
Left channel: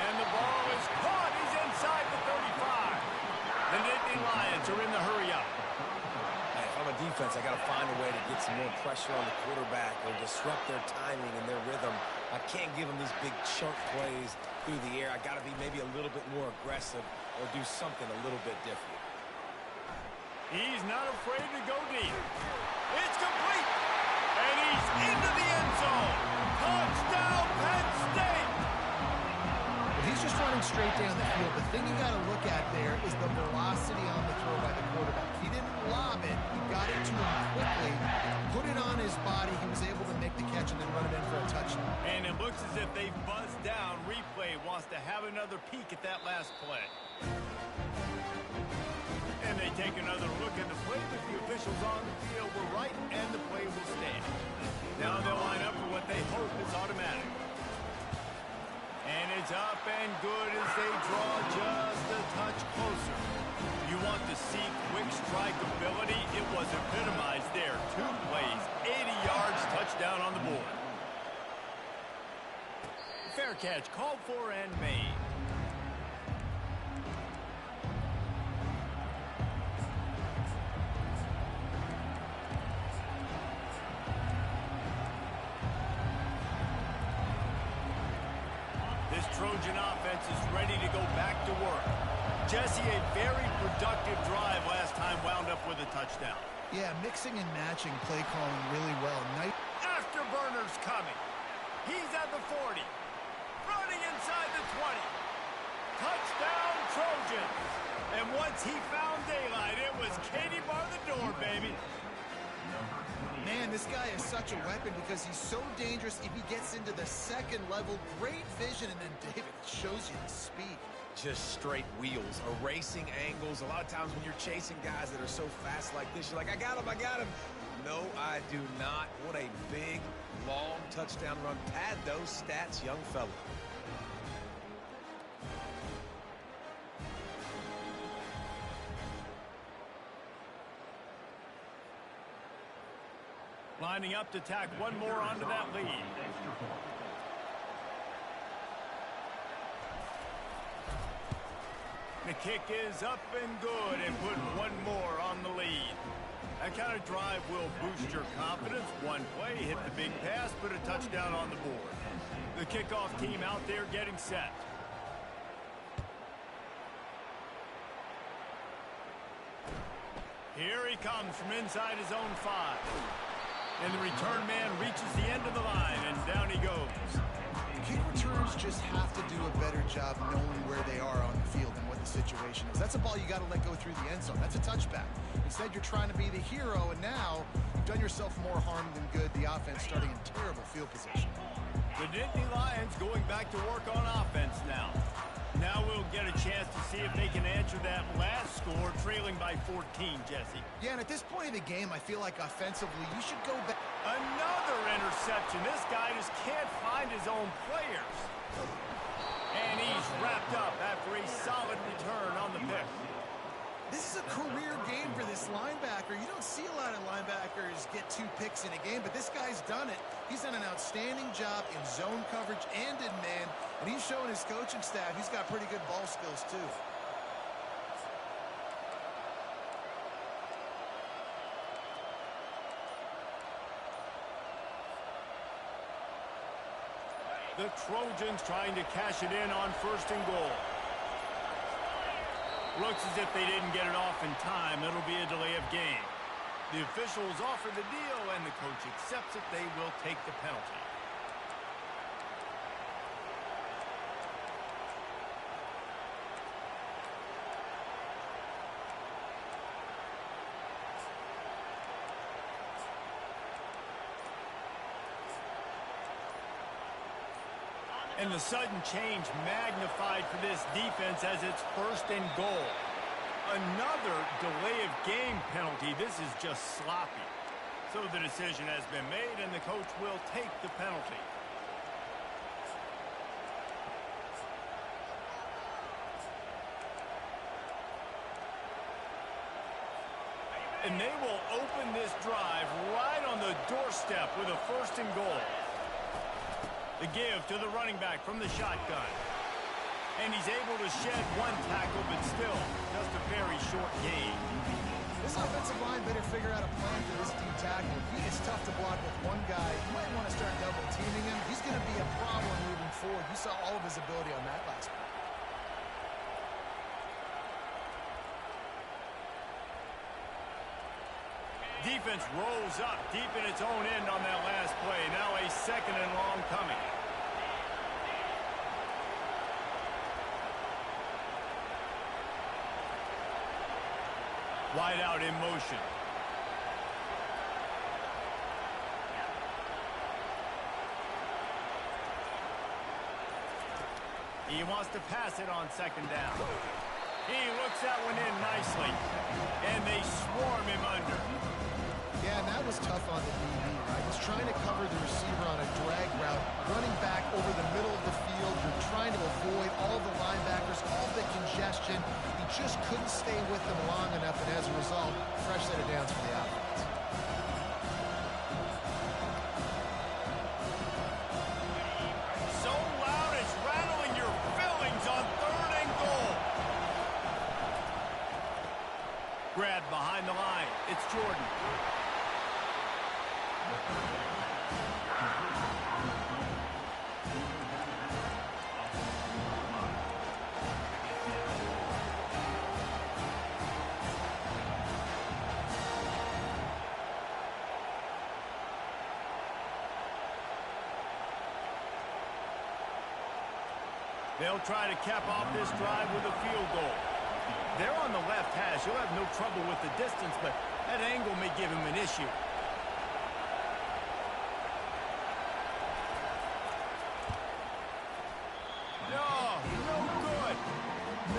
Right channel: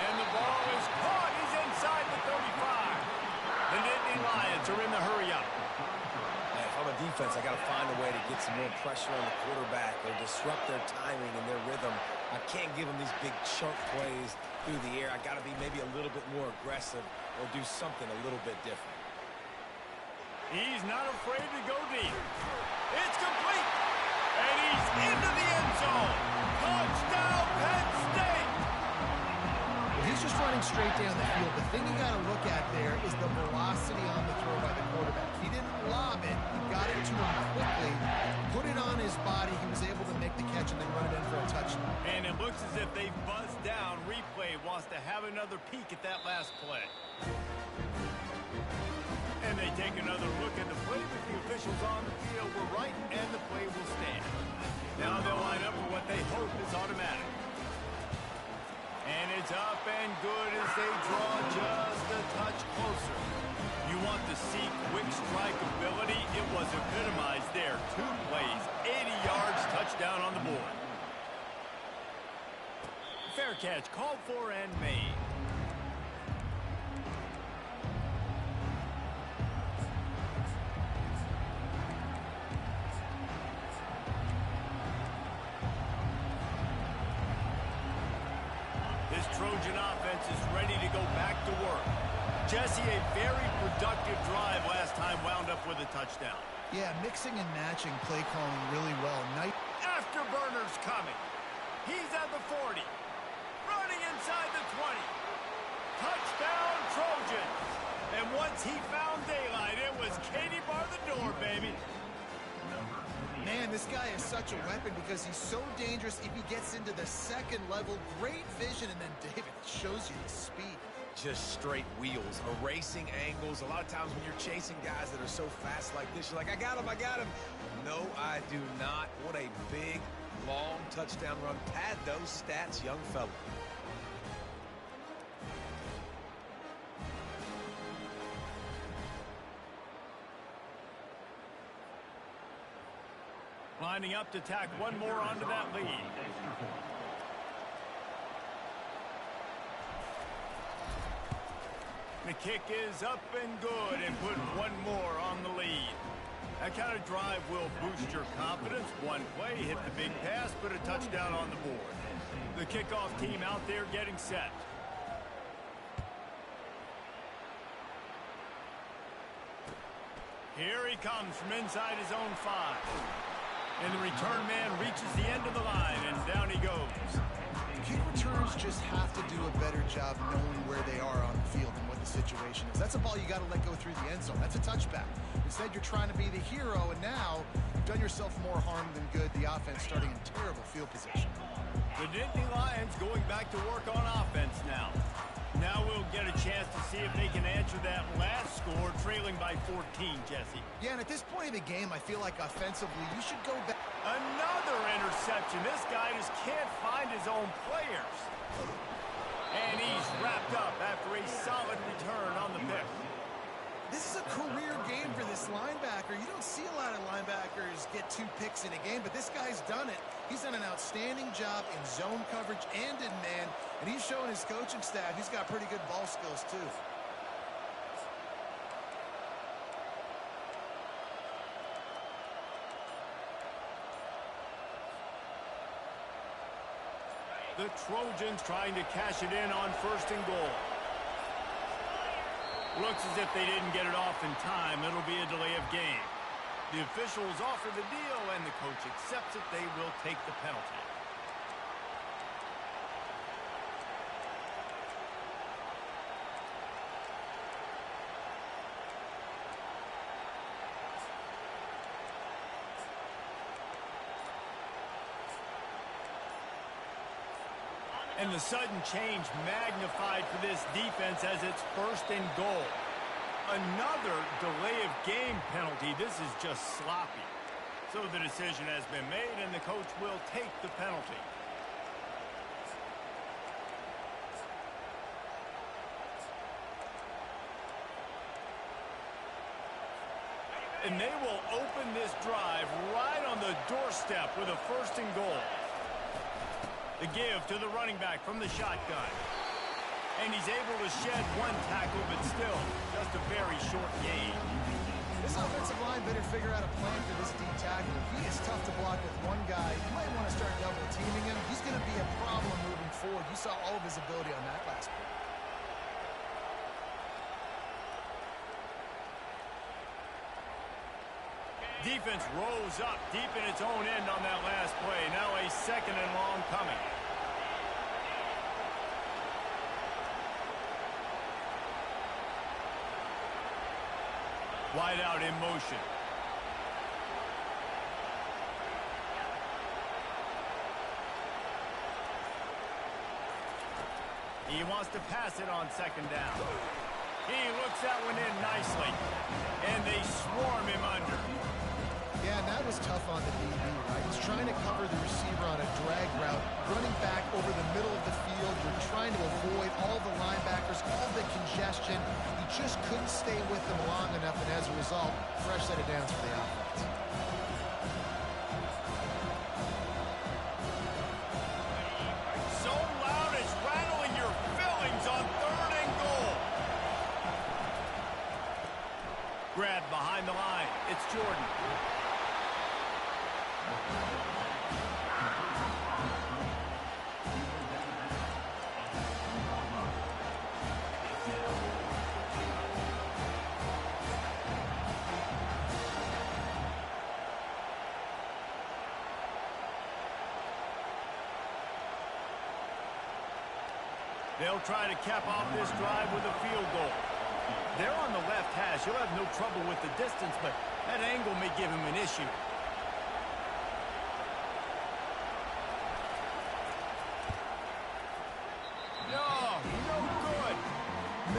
And the ball is caught. He's inside the 35. The Nittany Lions are in the hurry-up. Man, if I'm a defense, I got to find a way to get some more pressure on the quarterback or disrupt their timing and their rhythm. I can't give them these big chunk plays through the air. I got to be maybe a little bit more aggressive or do something a little bit different. He's not afraid to go deep. It's complete. And he's into the end zone. Touchdown, Penn State. He's just running straight down the field. The thing you got to look at there is the velocity on the throw by the quarterback. He didn't lob it. He got it to him quickly, put it on his body. He was able to make the catch and then run it in for a touchdown. And it looks as if they've buzzed down. Replay wants to have another peek at that last play. And they take another look at the play, but the officials on the field were right, and the play will stand. Now they'll line up for what they hope is automatic. And it's up and good as they draw just a touch closer. You want to see quick strike ability? It was epitomized there. 2 plays, 80 yards, touchdown on the board. Fair catch called for and made. This Trojan offense is ready to go back to work. Jesse, a very productive drive last time wound up with a touchdown. Yeah, mixing and matching play calling really well. Afterburner's coming. He's at the 40. Running inside the 20. Touchdown, Trojans. And once he found daylight, it was Katie bar the door, baby. Man, this guy is such a weapon because he's so dangerous if he gets into the second level. Great vision, and then David shows you the speed. Just straight wheels, erasing angles. A lot of times when you're chasing guys that are so fast like this, you're like, I got him, I got him. No, I do not. What a big, long touchdown run. Pad those stats, young fella. lining up to tack one more onto that lead. The kick is up and good and put one more on the lead. That kind of drive will boost your confidence. One play, hit the big pass, put a touchdown on the board. The kickoff team out there getting set. Here he comes from inside his own 5. And the return man reaches the end of the line, and down he goes. Kick returners just have to do a better job knowing where they are on the field and what the situation is. That's a ball you got to let go through the end zone. That's a touchback. Instead, you're trying to be the hero, and now you've done yourself more harm than good. The offense starting in terrible field position. The Nittany Lions going back to work on offense now. Now we'll get a chance to see if they can answer that last score, trailing by 14, Jesse. Yeah, and at this point of the game, I feel like offensively, you should go back. Another interception. This guy just can't find his own players. And he's wrapped up after a solid return on the pick. This is a career game for this linebacker. You don't see a lot of linebackers get 2 picks in a game, but this guy's done it. He's done an outstanding job in zone coverage and in man, and he's showing his coaching staff he's got pretty good ball skills too. The Trojans trying to cash it in on 1st and goal. Looks as if they didn't get it off in time. It'll be a delay of game. The officials offer the deal, and the coach accepts it. They will take the penalty. And the sudden change magnified for this defense as it's 1st and goal. Another delay of game penalty. This is just sloppy. So the decision has been made, and the coach will take the penalty. And they will open this drive right on the doorstep with a 1st and goal. The give to the running back from the shotgun. And he's able to shed 1 tackle, but still just a very short gain. This offensive line better figure out a plan for this D tackle. He is tough to block with one guy. You might want to start double teaming him. He's going to be a problem moving forward. You saw all of his ability on that last play. Defense rose up deep in its own end on that last play. Now a 2nd and long coming. Wide out in motion. He wants to pass it on 2nd down. He looks that one in nicely. And they swarm him under. Yeah, and that was tough on the DB, right? He's trying to cover the receiver on a drag route, running back over the middle of the field. You're trying to avoid all the linebackers, all the congestion. He just couldn't stay with them long enough, and as a result, fresh set of downs for the offense. So loud it's rattling your fillings on 3rd and goal. Grab behind the line. It's Jordan. They'll try to cap off this drive with a field goal. They're on the left hash. He'll have no trouble with the distance, but that angle may give him an issue. No good.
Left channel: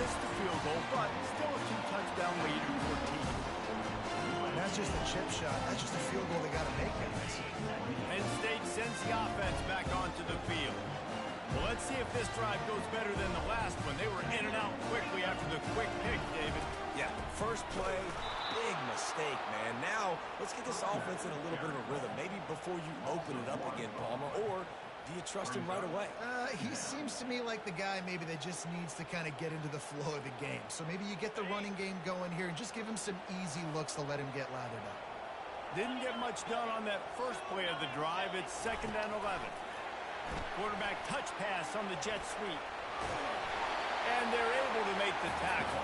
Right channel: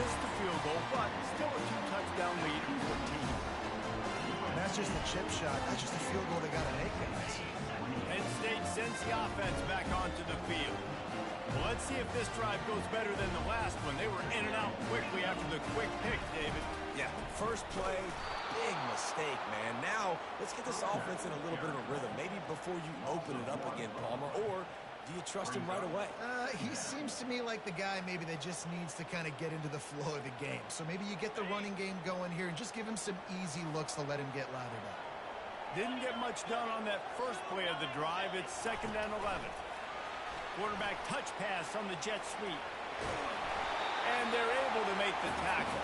Missed the field goal, but still a 2-touchdown lead at 14. And that's just a chip shot. That's just a field goal they got to make, guys. Penn State sends the offense back onto the field. Well, let's see if this drive goes better than the last one. They were in and out quickly after the quick pick, David. Yeah, first play, big mistake, man. Now, let's get this offense in a little bit of a rhythm. Maybe before you open it up again, Palmer, or do you trust him right away? He seems to me like the guy maybe that just needs to kind of get into the flow of the game. So maybe you get the running game going here and just give him some easy looks to let him get lathered up. Didn't get much done on that first play of the drive. It's 2nd and 11. Quarterback touch pass on the jet sweep. And they're able to make the tackle.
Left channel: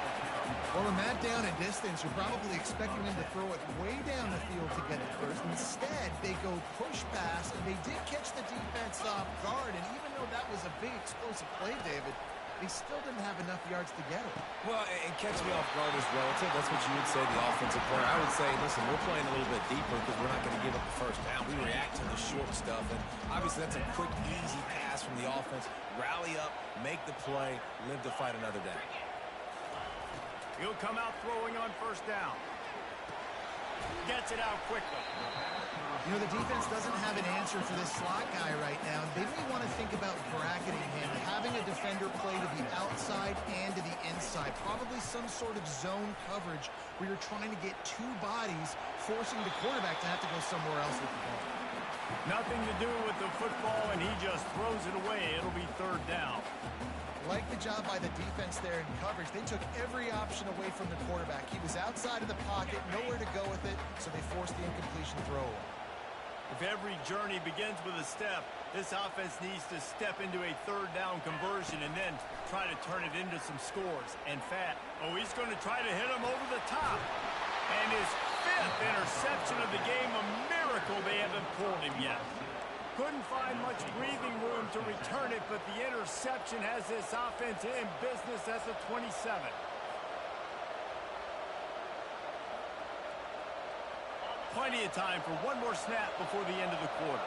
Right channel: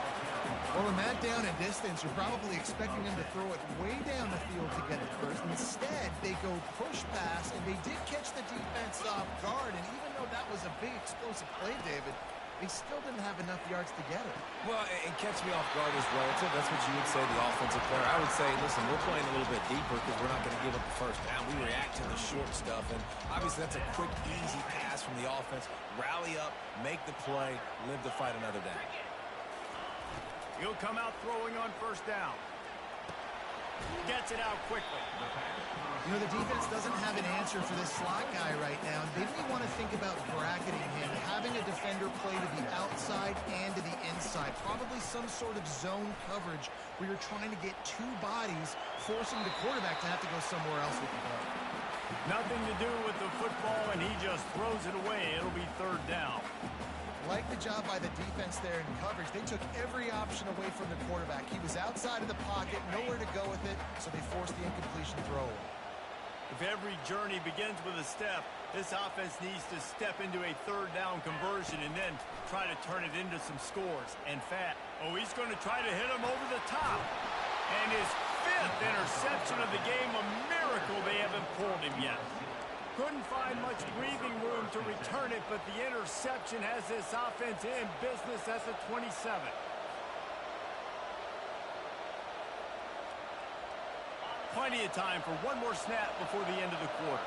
Well, in that down and distance, you're probably expecting them to throw it way down the field to get it first. Instead, they go push pass, and they did catch the defense off guard. And even though that was a big explosive play, David, they still didn't have enough yards to get it. Well, and catch me off guard is relative. That's what you would say, the offensive player. I would say, listen, we're playing a little bit deeper because we're not going to give up the first down. We react to the short stuff, and obviously that's a quick, easy pass from the offense. Rally up, make the play, live to fight another down. He'll come out throwing on 1st down. Gets it out quickly. You know, the defense doesn't have an answer for this slot guy right now. They may want to think about bracketing him, having a defender play to the outside and to the inside. Probably some sort of zone coverage where you're trying to get two bodies, forcing the quarterback to have to go somewhere else with the ball. Nothing to do with the football, and he just throws it away. It'll be 3rd down. Like the job by the defense there in coverage. They took every option away from the quarterback. He was outside of the pocket, nowhere to go with it, so they forced the incompletion throwaway. If every journey begins with a step, this offense needs to step into a 3rd down conversion and then try to turn it into some scores and fat. Oh, he's going to try to hit him over the top. And his 5th interception of the game, a miracle they haven't pulled him yet. Couldn't find much breathing room to return it, but the interception has this offense in business as a 27. Plenty of time for one more snap before the end of the quarter.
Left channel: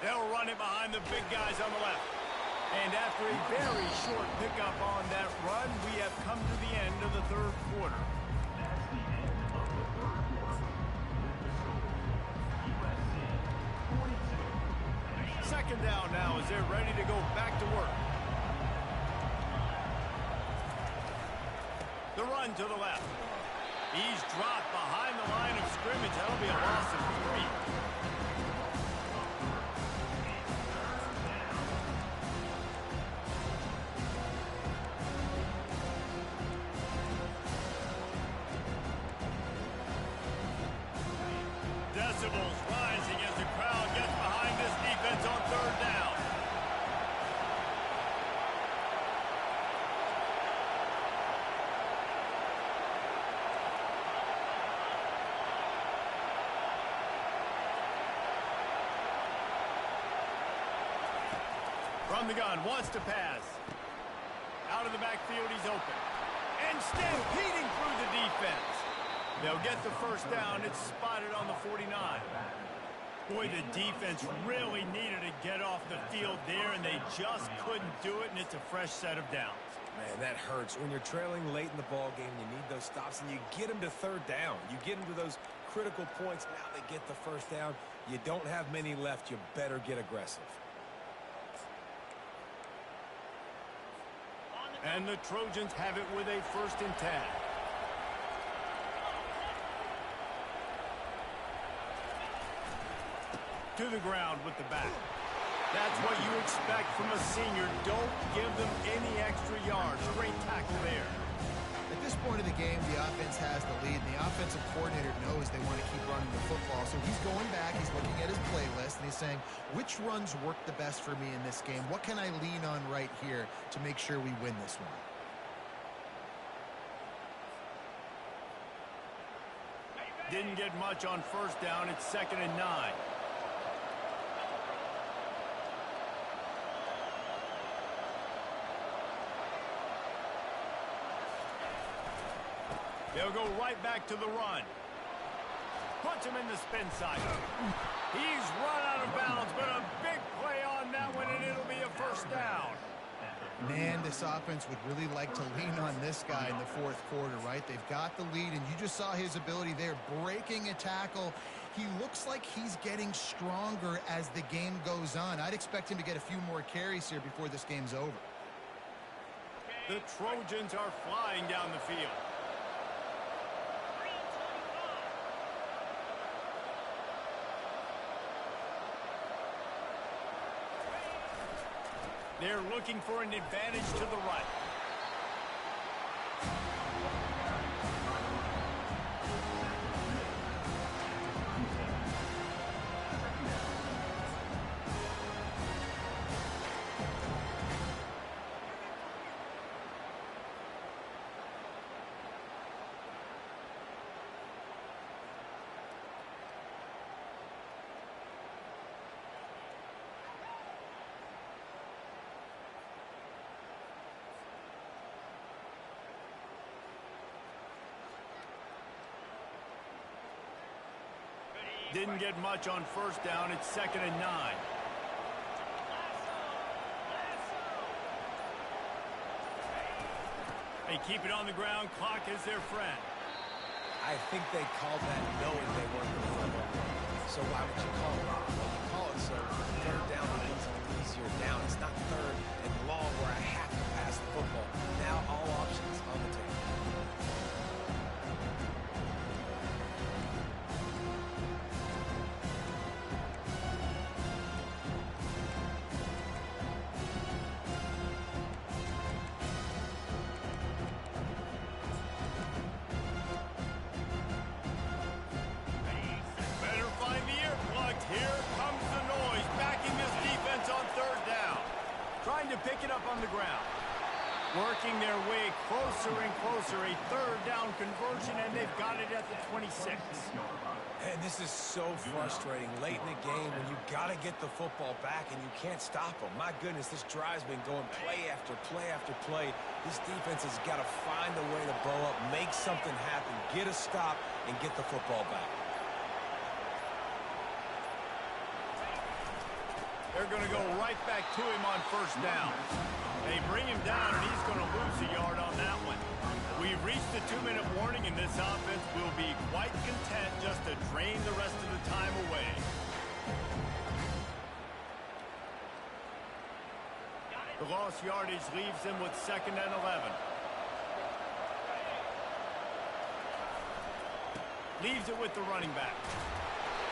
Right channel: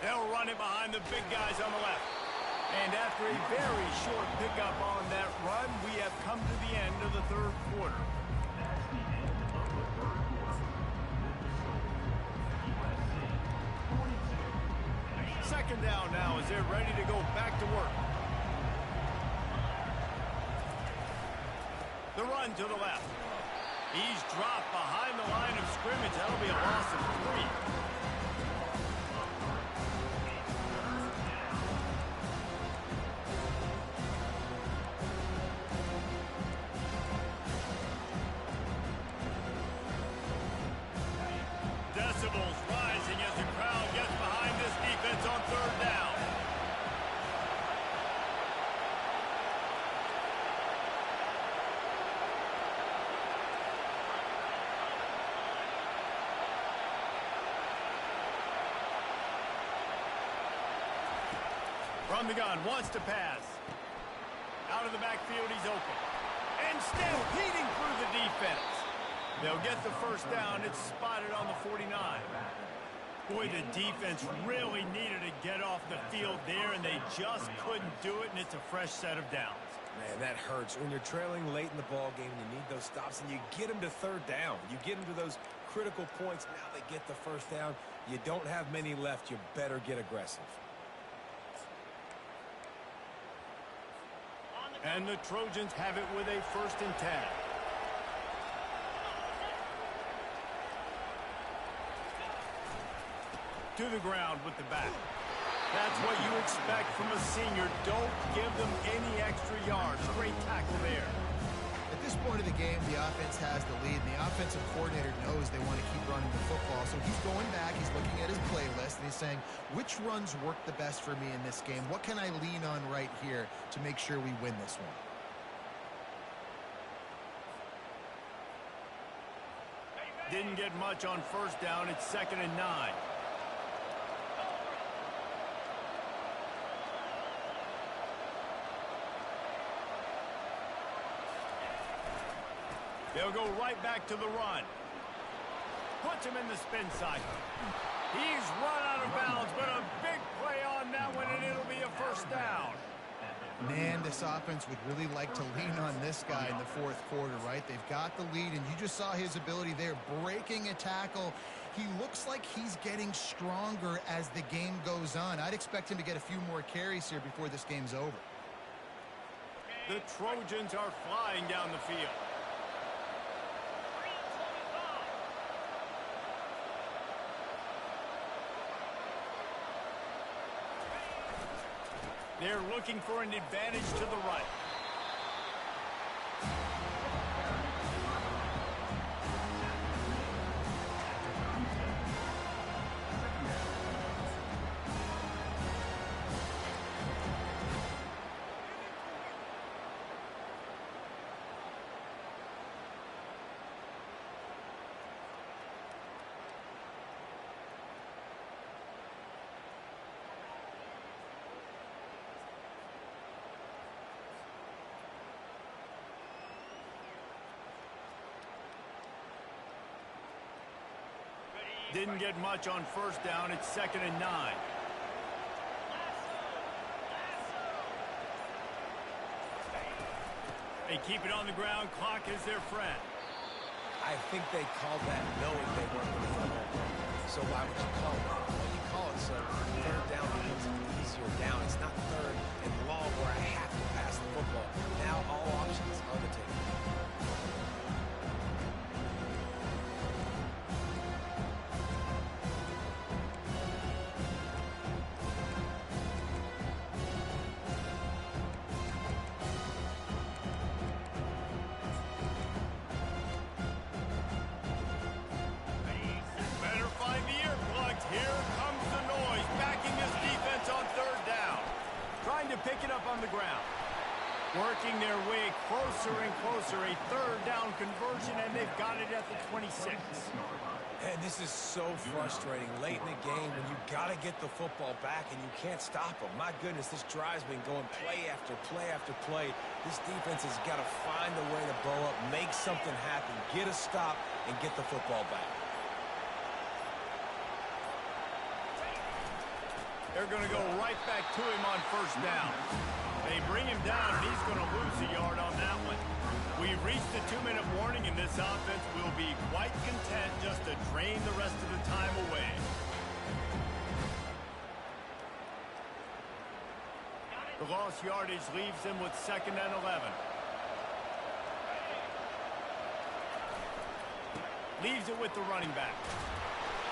They'll run it behind the big guys on the left. And after a very short pickup on that run, we have come to the end of the 3rd quarter. That's the end of the 3rd quarter. With the score, USC 42. 2nd down now as they're ready to go back to work. The run to the left. He's dropped behind the line of scrimmage. That'll be a loss of 3. Decibels rising as the crowd gets behind this defense on 3rd down. From the gun, wants to pass. Out of the backfield, he's open. And stampeding through the defense. They'll get the 1st down. It's spotted on the 49. Boy, the defense really needed to get off the field there, and they just couldn't do it, and it's a fresh set of downs. Man, that hurts. When you're trailing late in the ball game, you need those stops, and you get them to 3rd down. You get them to those critical points. Now they get the 1st down. You don't have many left. You better get aggressive. And the Trojans have it with a 1st and 10. To the ground with the back. That's what you expect from a senior. Don't give them any extra yards. Great tackle there. At this point of the game, the offense has the lead, and the offensive coordinator knows they want to keep running the football. So he's going back, he's looking at his playlist, and he's saying, which runs work the best for me in this game? What can I lean on right here to make sure we win this one? Didn't get much on 1st down. It's 2nd and 9. They'll go right back to the run. Puts him in the spin side. He's run out of bounds, but a big play on that one, and it'll be a 1st down. At the Man, this offense would really like to lean on this guy in the fourth quarter, right? They've got the lead, and you just saw his ability there, breaking a tackle. He looks like he's getting stronger as the game goes on. I'd expect him to get a few more carries here before this game's over. The Trojans are flying down the field. They're looking for an advantage to the right. Didn't get much on first down. It's 2nd and 9. They keep it on the ground. Clock is their friend. I think they called that knowing they weren't going to hit a home run. So why would you call it that? Well, you call it so third down becomes an easier down. It's not third and long where I have to pass the football. Now all options on the table. Here comes the noise, backing this defense on third down. Trying to pick it up on the ground. Working their way closer and closer. A third down conversion, and they've got it at the 26. And this is so frustrating late in the game when you got to get the football back and you can't stop them. My goodness, this drive's been going play after play after play. This defense has got to find a way to bow up, make something happen, get a stop, and get the football back. They're going to go right back to him on first down. They bring him down, and he's going to lose a yard on that one. We've reached the 2-minute warning, and this offense will be quite content just to drain the rest of the time away. The lost yardage leaves them with 2nd and 11. Leaves it with the running back.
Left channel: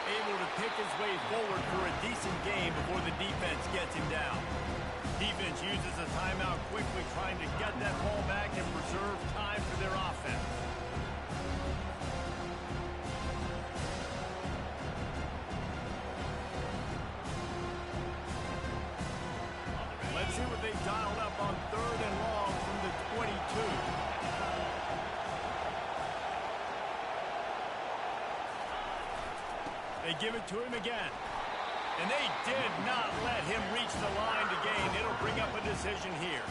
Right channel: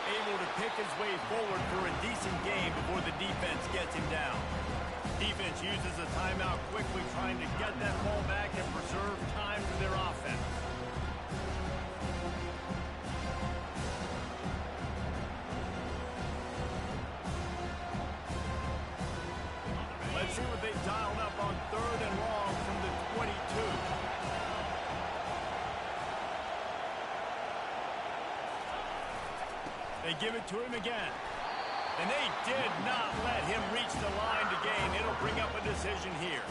Able to pick his way forward for a decent game before the defense gets him down. Defense uses a timeout quickly, trying to get that ball back and preserve time for their offense. Let's see what they've dialed up on 3rd and long from the 22. They give it to him again. And they did not let him reach the line to gain. It'll bring up a decision here.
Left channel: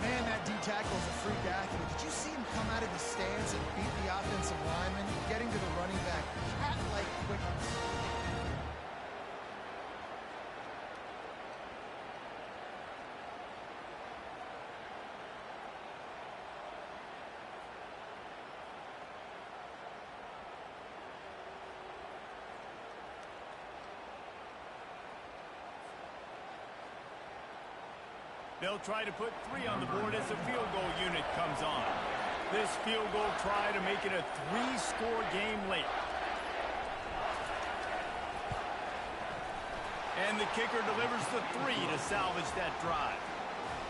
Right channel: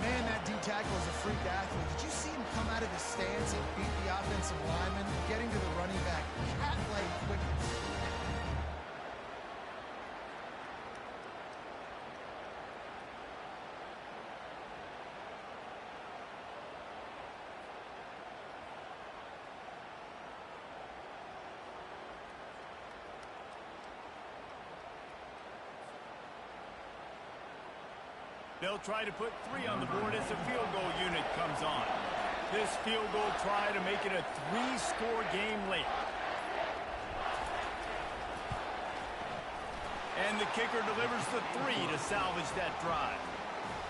Man, that D tackle is a freak athlete. Did you see him come out of his stance and beat the offensive lineman, getting to the running back, cat-like quickness? They'll try to put 3 on the board as the field goal unit comes on. This field goal try to make it a 3-score game late. And the kicker delivers the 3 to salvage that drive.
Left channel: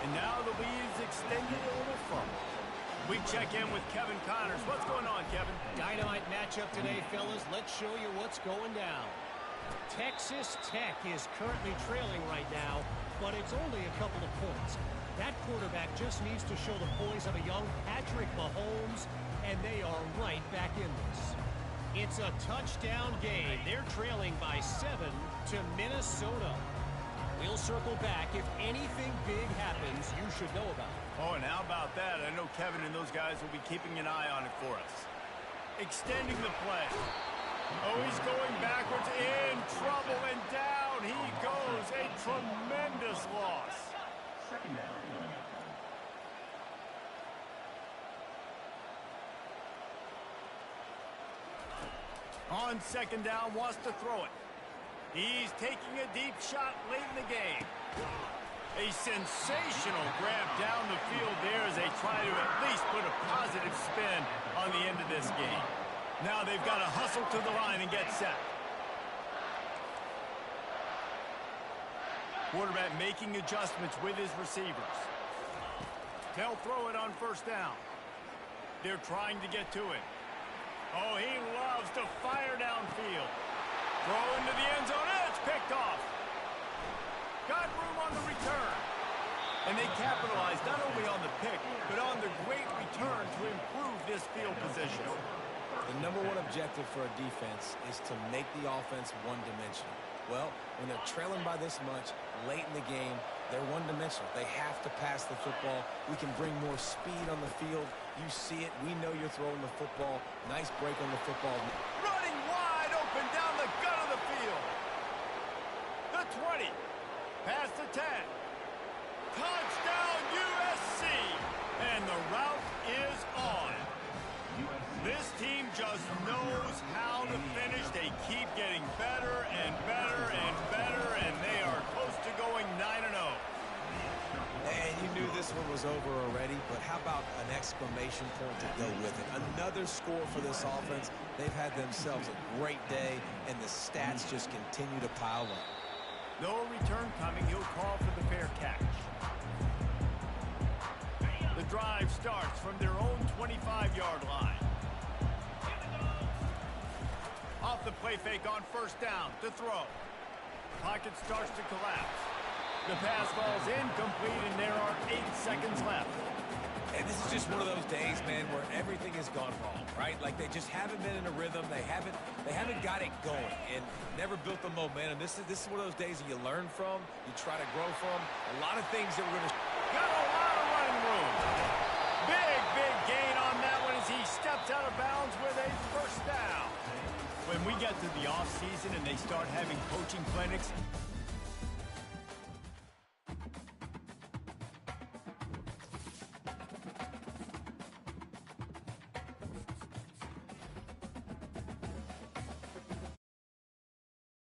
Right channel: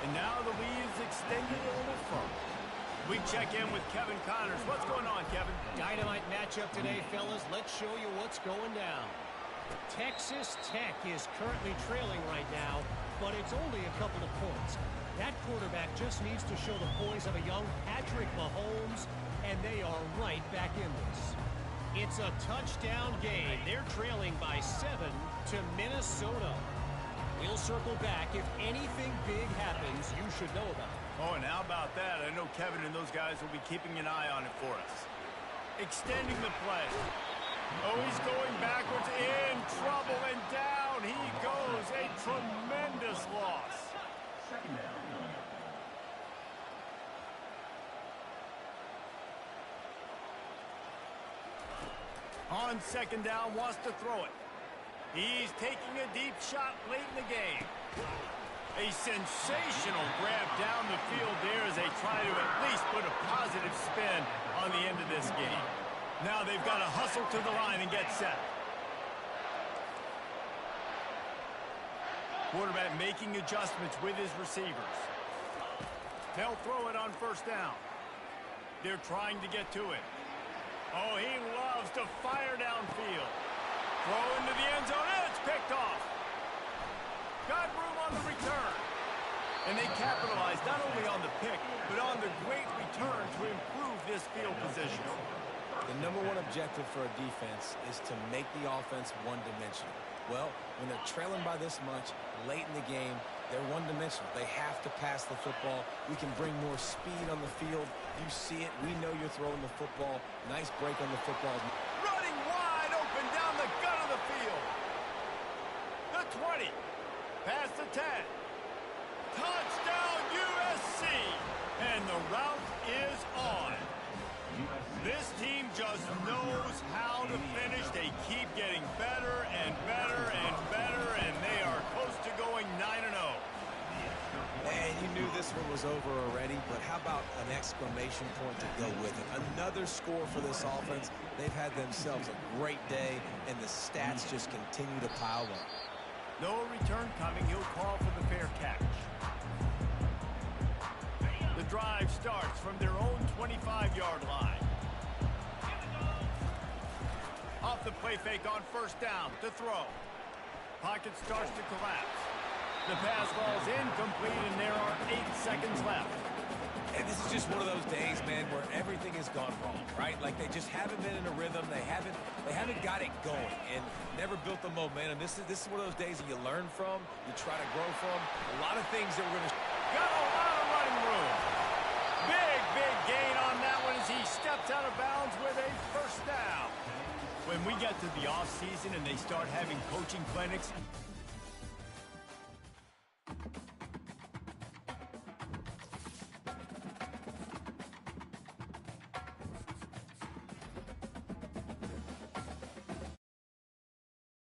And now the lead is extended a little further. We check in with Kevin Connors. What's going on, Kevin? Dynamite matchup today, fellas. Let's show you what's going down. Texas Tech is currently trailing right now, but it's only a couple of points. That quarterback just needs to show the poise of a young Patrick Mahomes, and they are right back in this. It's a touchdown game. They're trailing by 7 to Minnesota. We'll circle back if anything big happens you should know about. Oh, and how about that? I know Kevin and those guys will be keeping an eye on it for us. Extending the play. Oh, he's going backwards, in trouble, and down he goes. A tremendous loss. Second down coming up. On second down, wants to throw it. He's taking a deep shot late in the game. A sensational grab down the field there as they try to at least put a positive spin on the end of this game. Now they've got to hustle to the line and get set. Quarterback making adjustments with his receivers. They'll throw it on first down. They're trying to get to it. Oh, he loves to fire downfield. Throw into the end zone, and it's picked off. Got room on the return. And they capitalized not only on the pick, but on the great return to improve this field position. The number one objective for a defense is to make the offense one-dimensional. Well, when they're trailing by this much late in the game, they're one-dimensional. They have to pass the football. We can bring more speed on the field. You see it. We know you're throwing the football. Nice break on the football. Running wide open down the gut of the field. The 20. Past the 10. Touchdown USC. And the route is on. This team just knows how to finish. They keep getting better and better and better, and they are close to going 9-0. And you knew this one was over already, but how about an exclamation point to go with it? Another score for this offense. They've had themselves a great day, and the stats just continue to pile up. No return coming. He'll call for the fair catch. The drive starts from their own 25-yard line. Off the play fake on first down to throw. Pocket starts to collapse. The pass ball's incomplete, and there are 8 seconds left. And this is just one of those days, man, where everything has gone wrong, right? Like they just haven't been in a rhythm. They haven't got it going and never built the momentum. This is one of those days that you learn from, you try to grow from. A lot of things that we're going to... Got a lot of running room. Big gain on that one as he steps out of bounds with a first down. When we get to the offseason and they start having coaching clinics,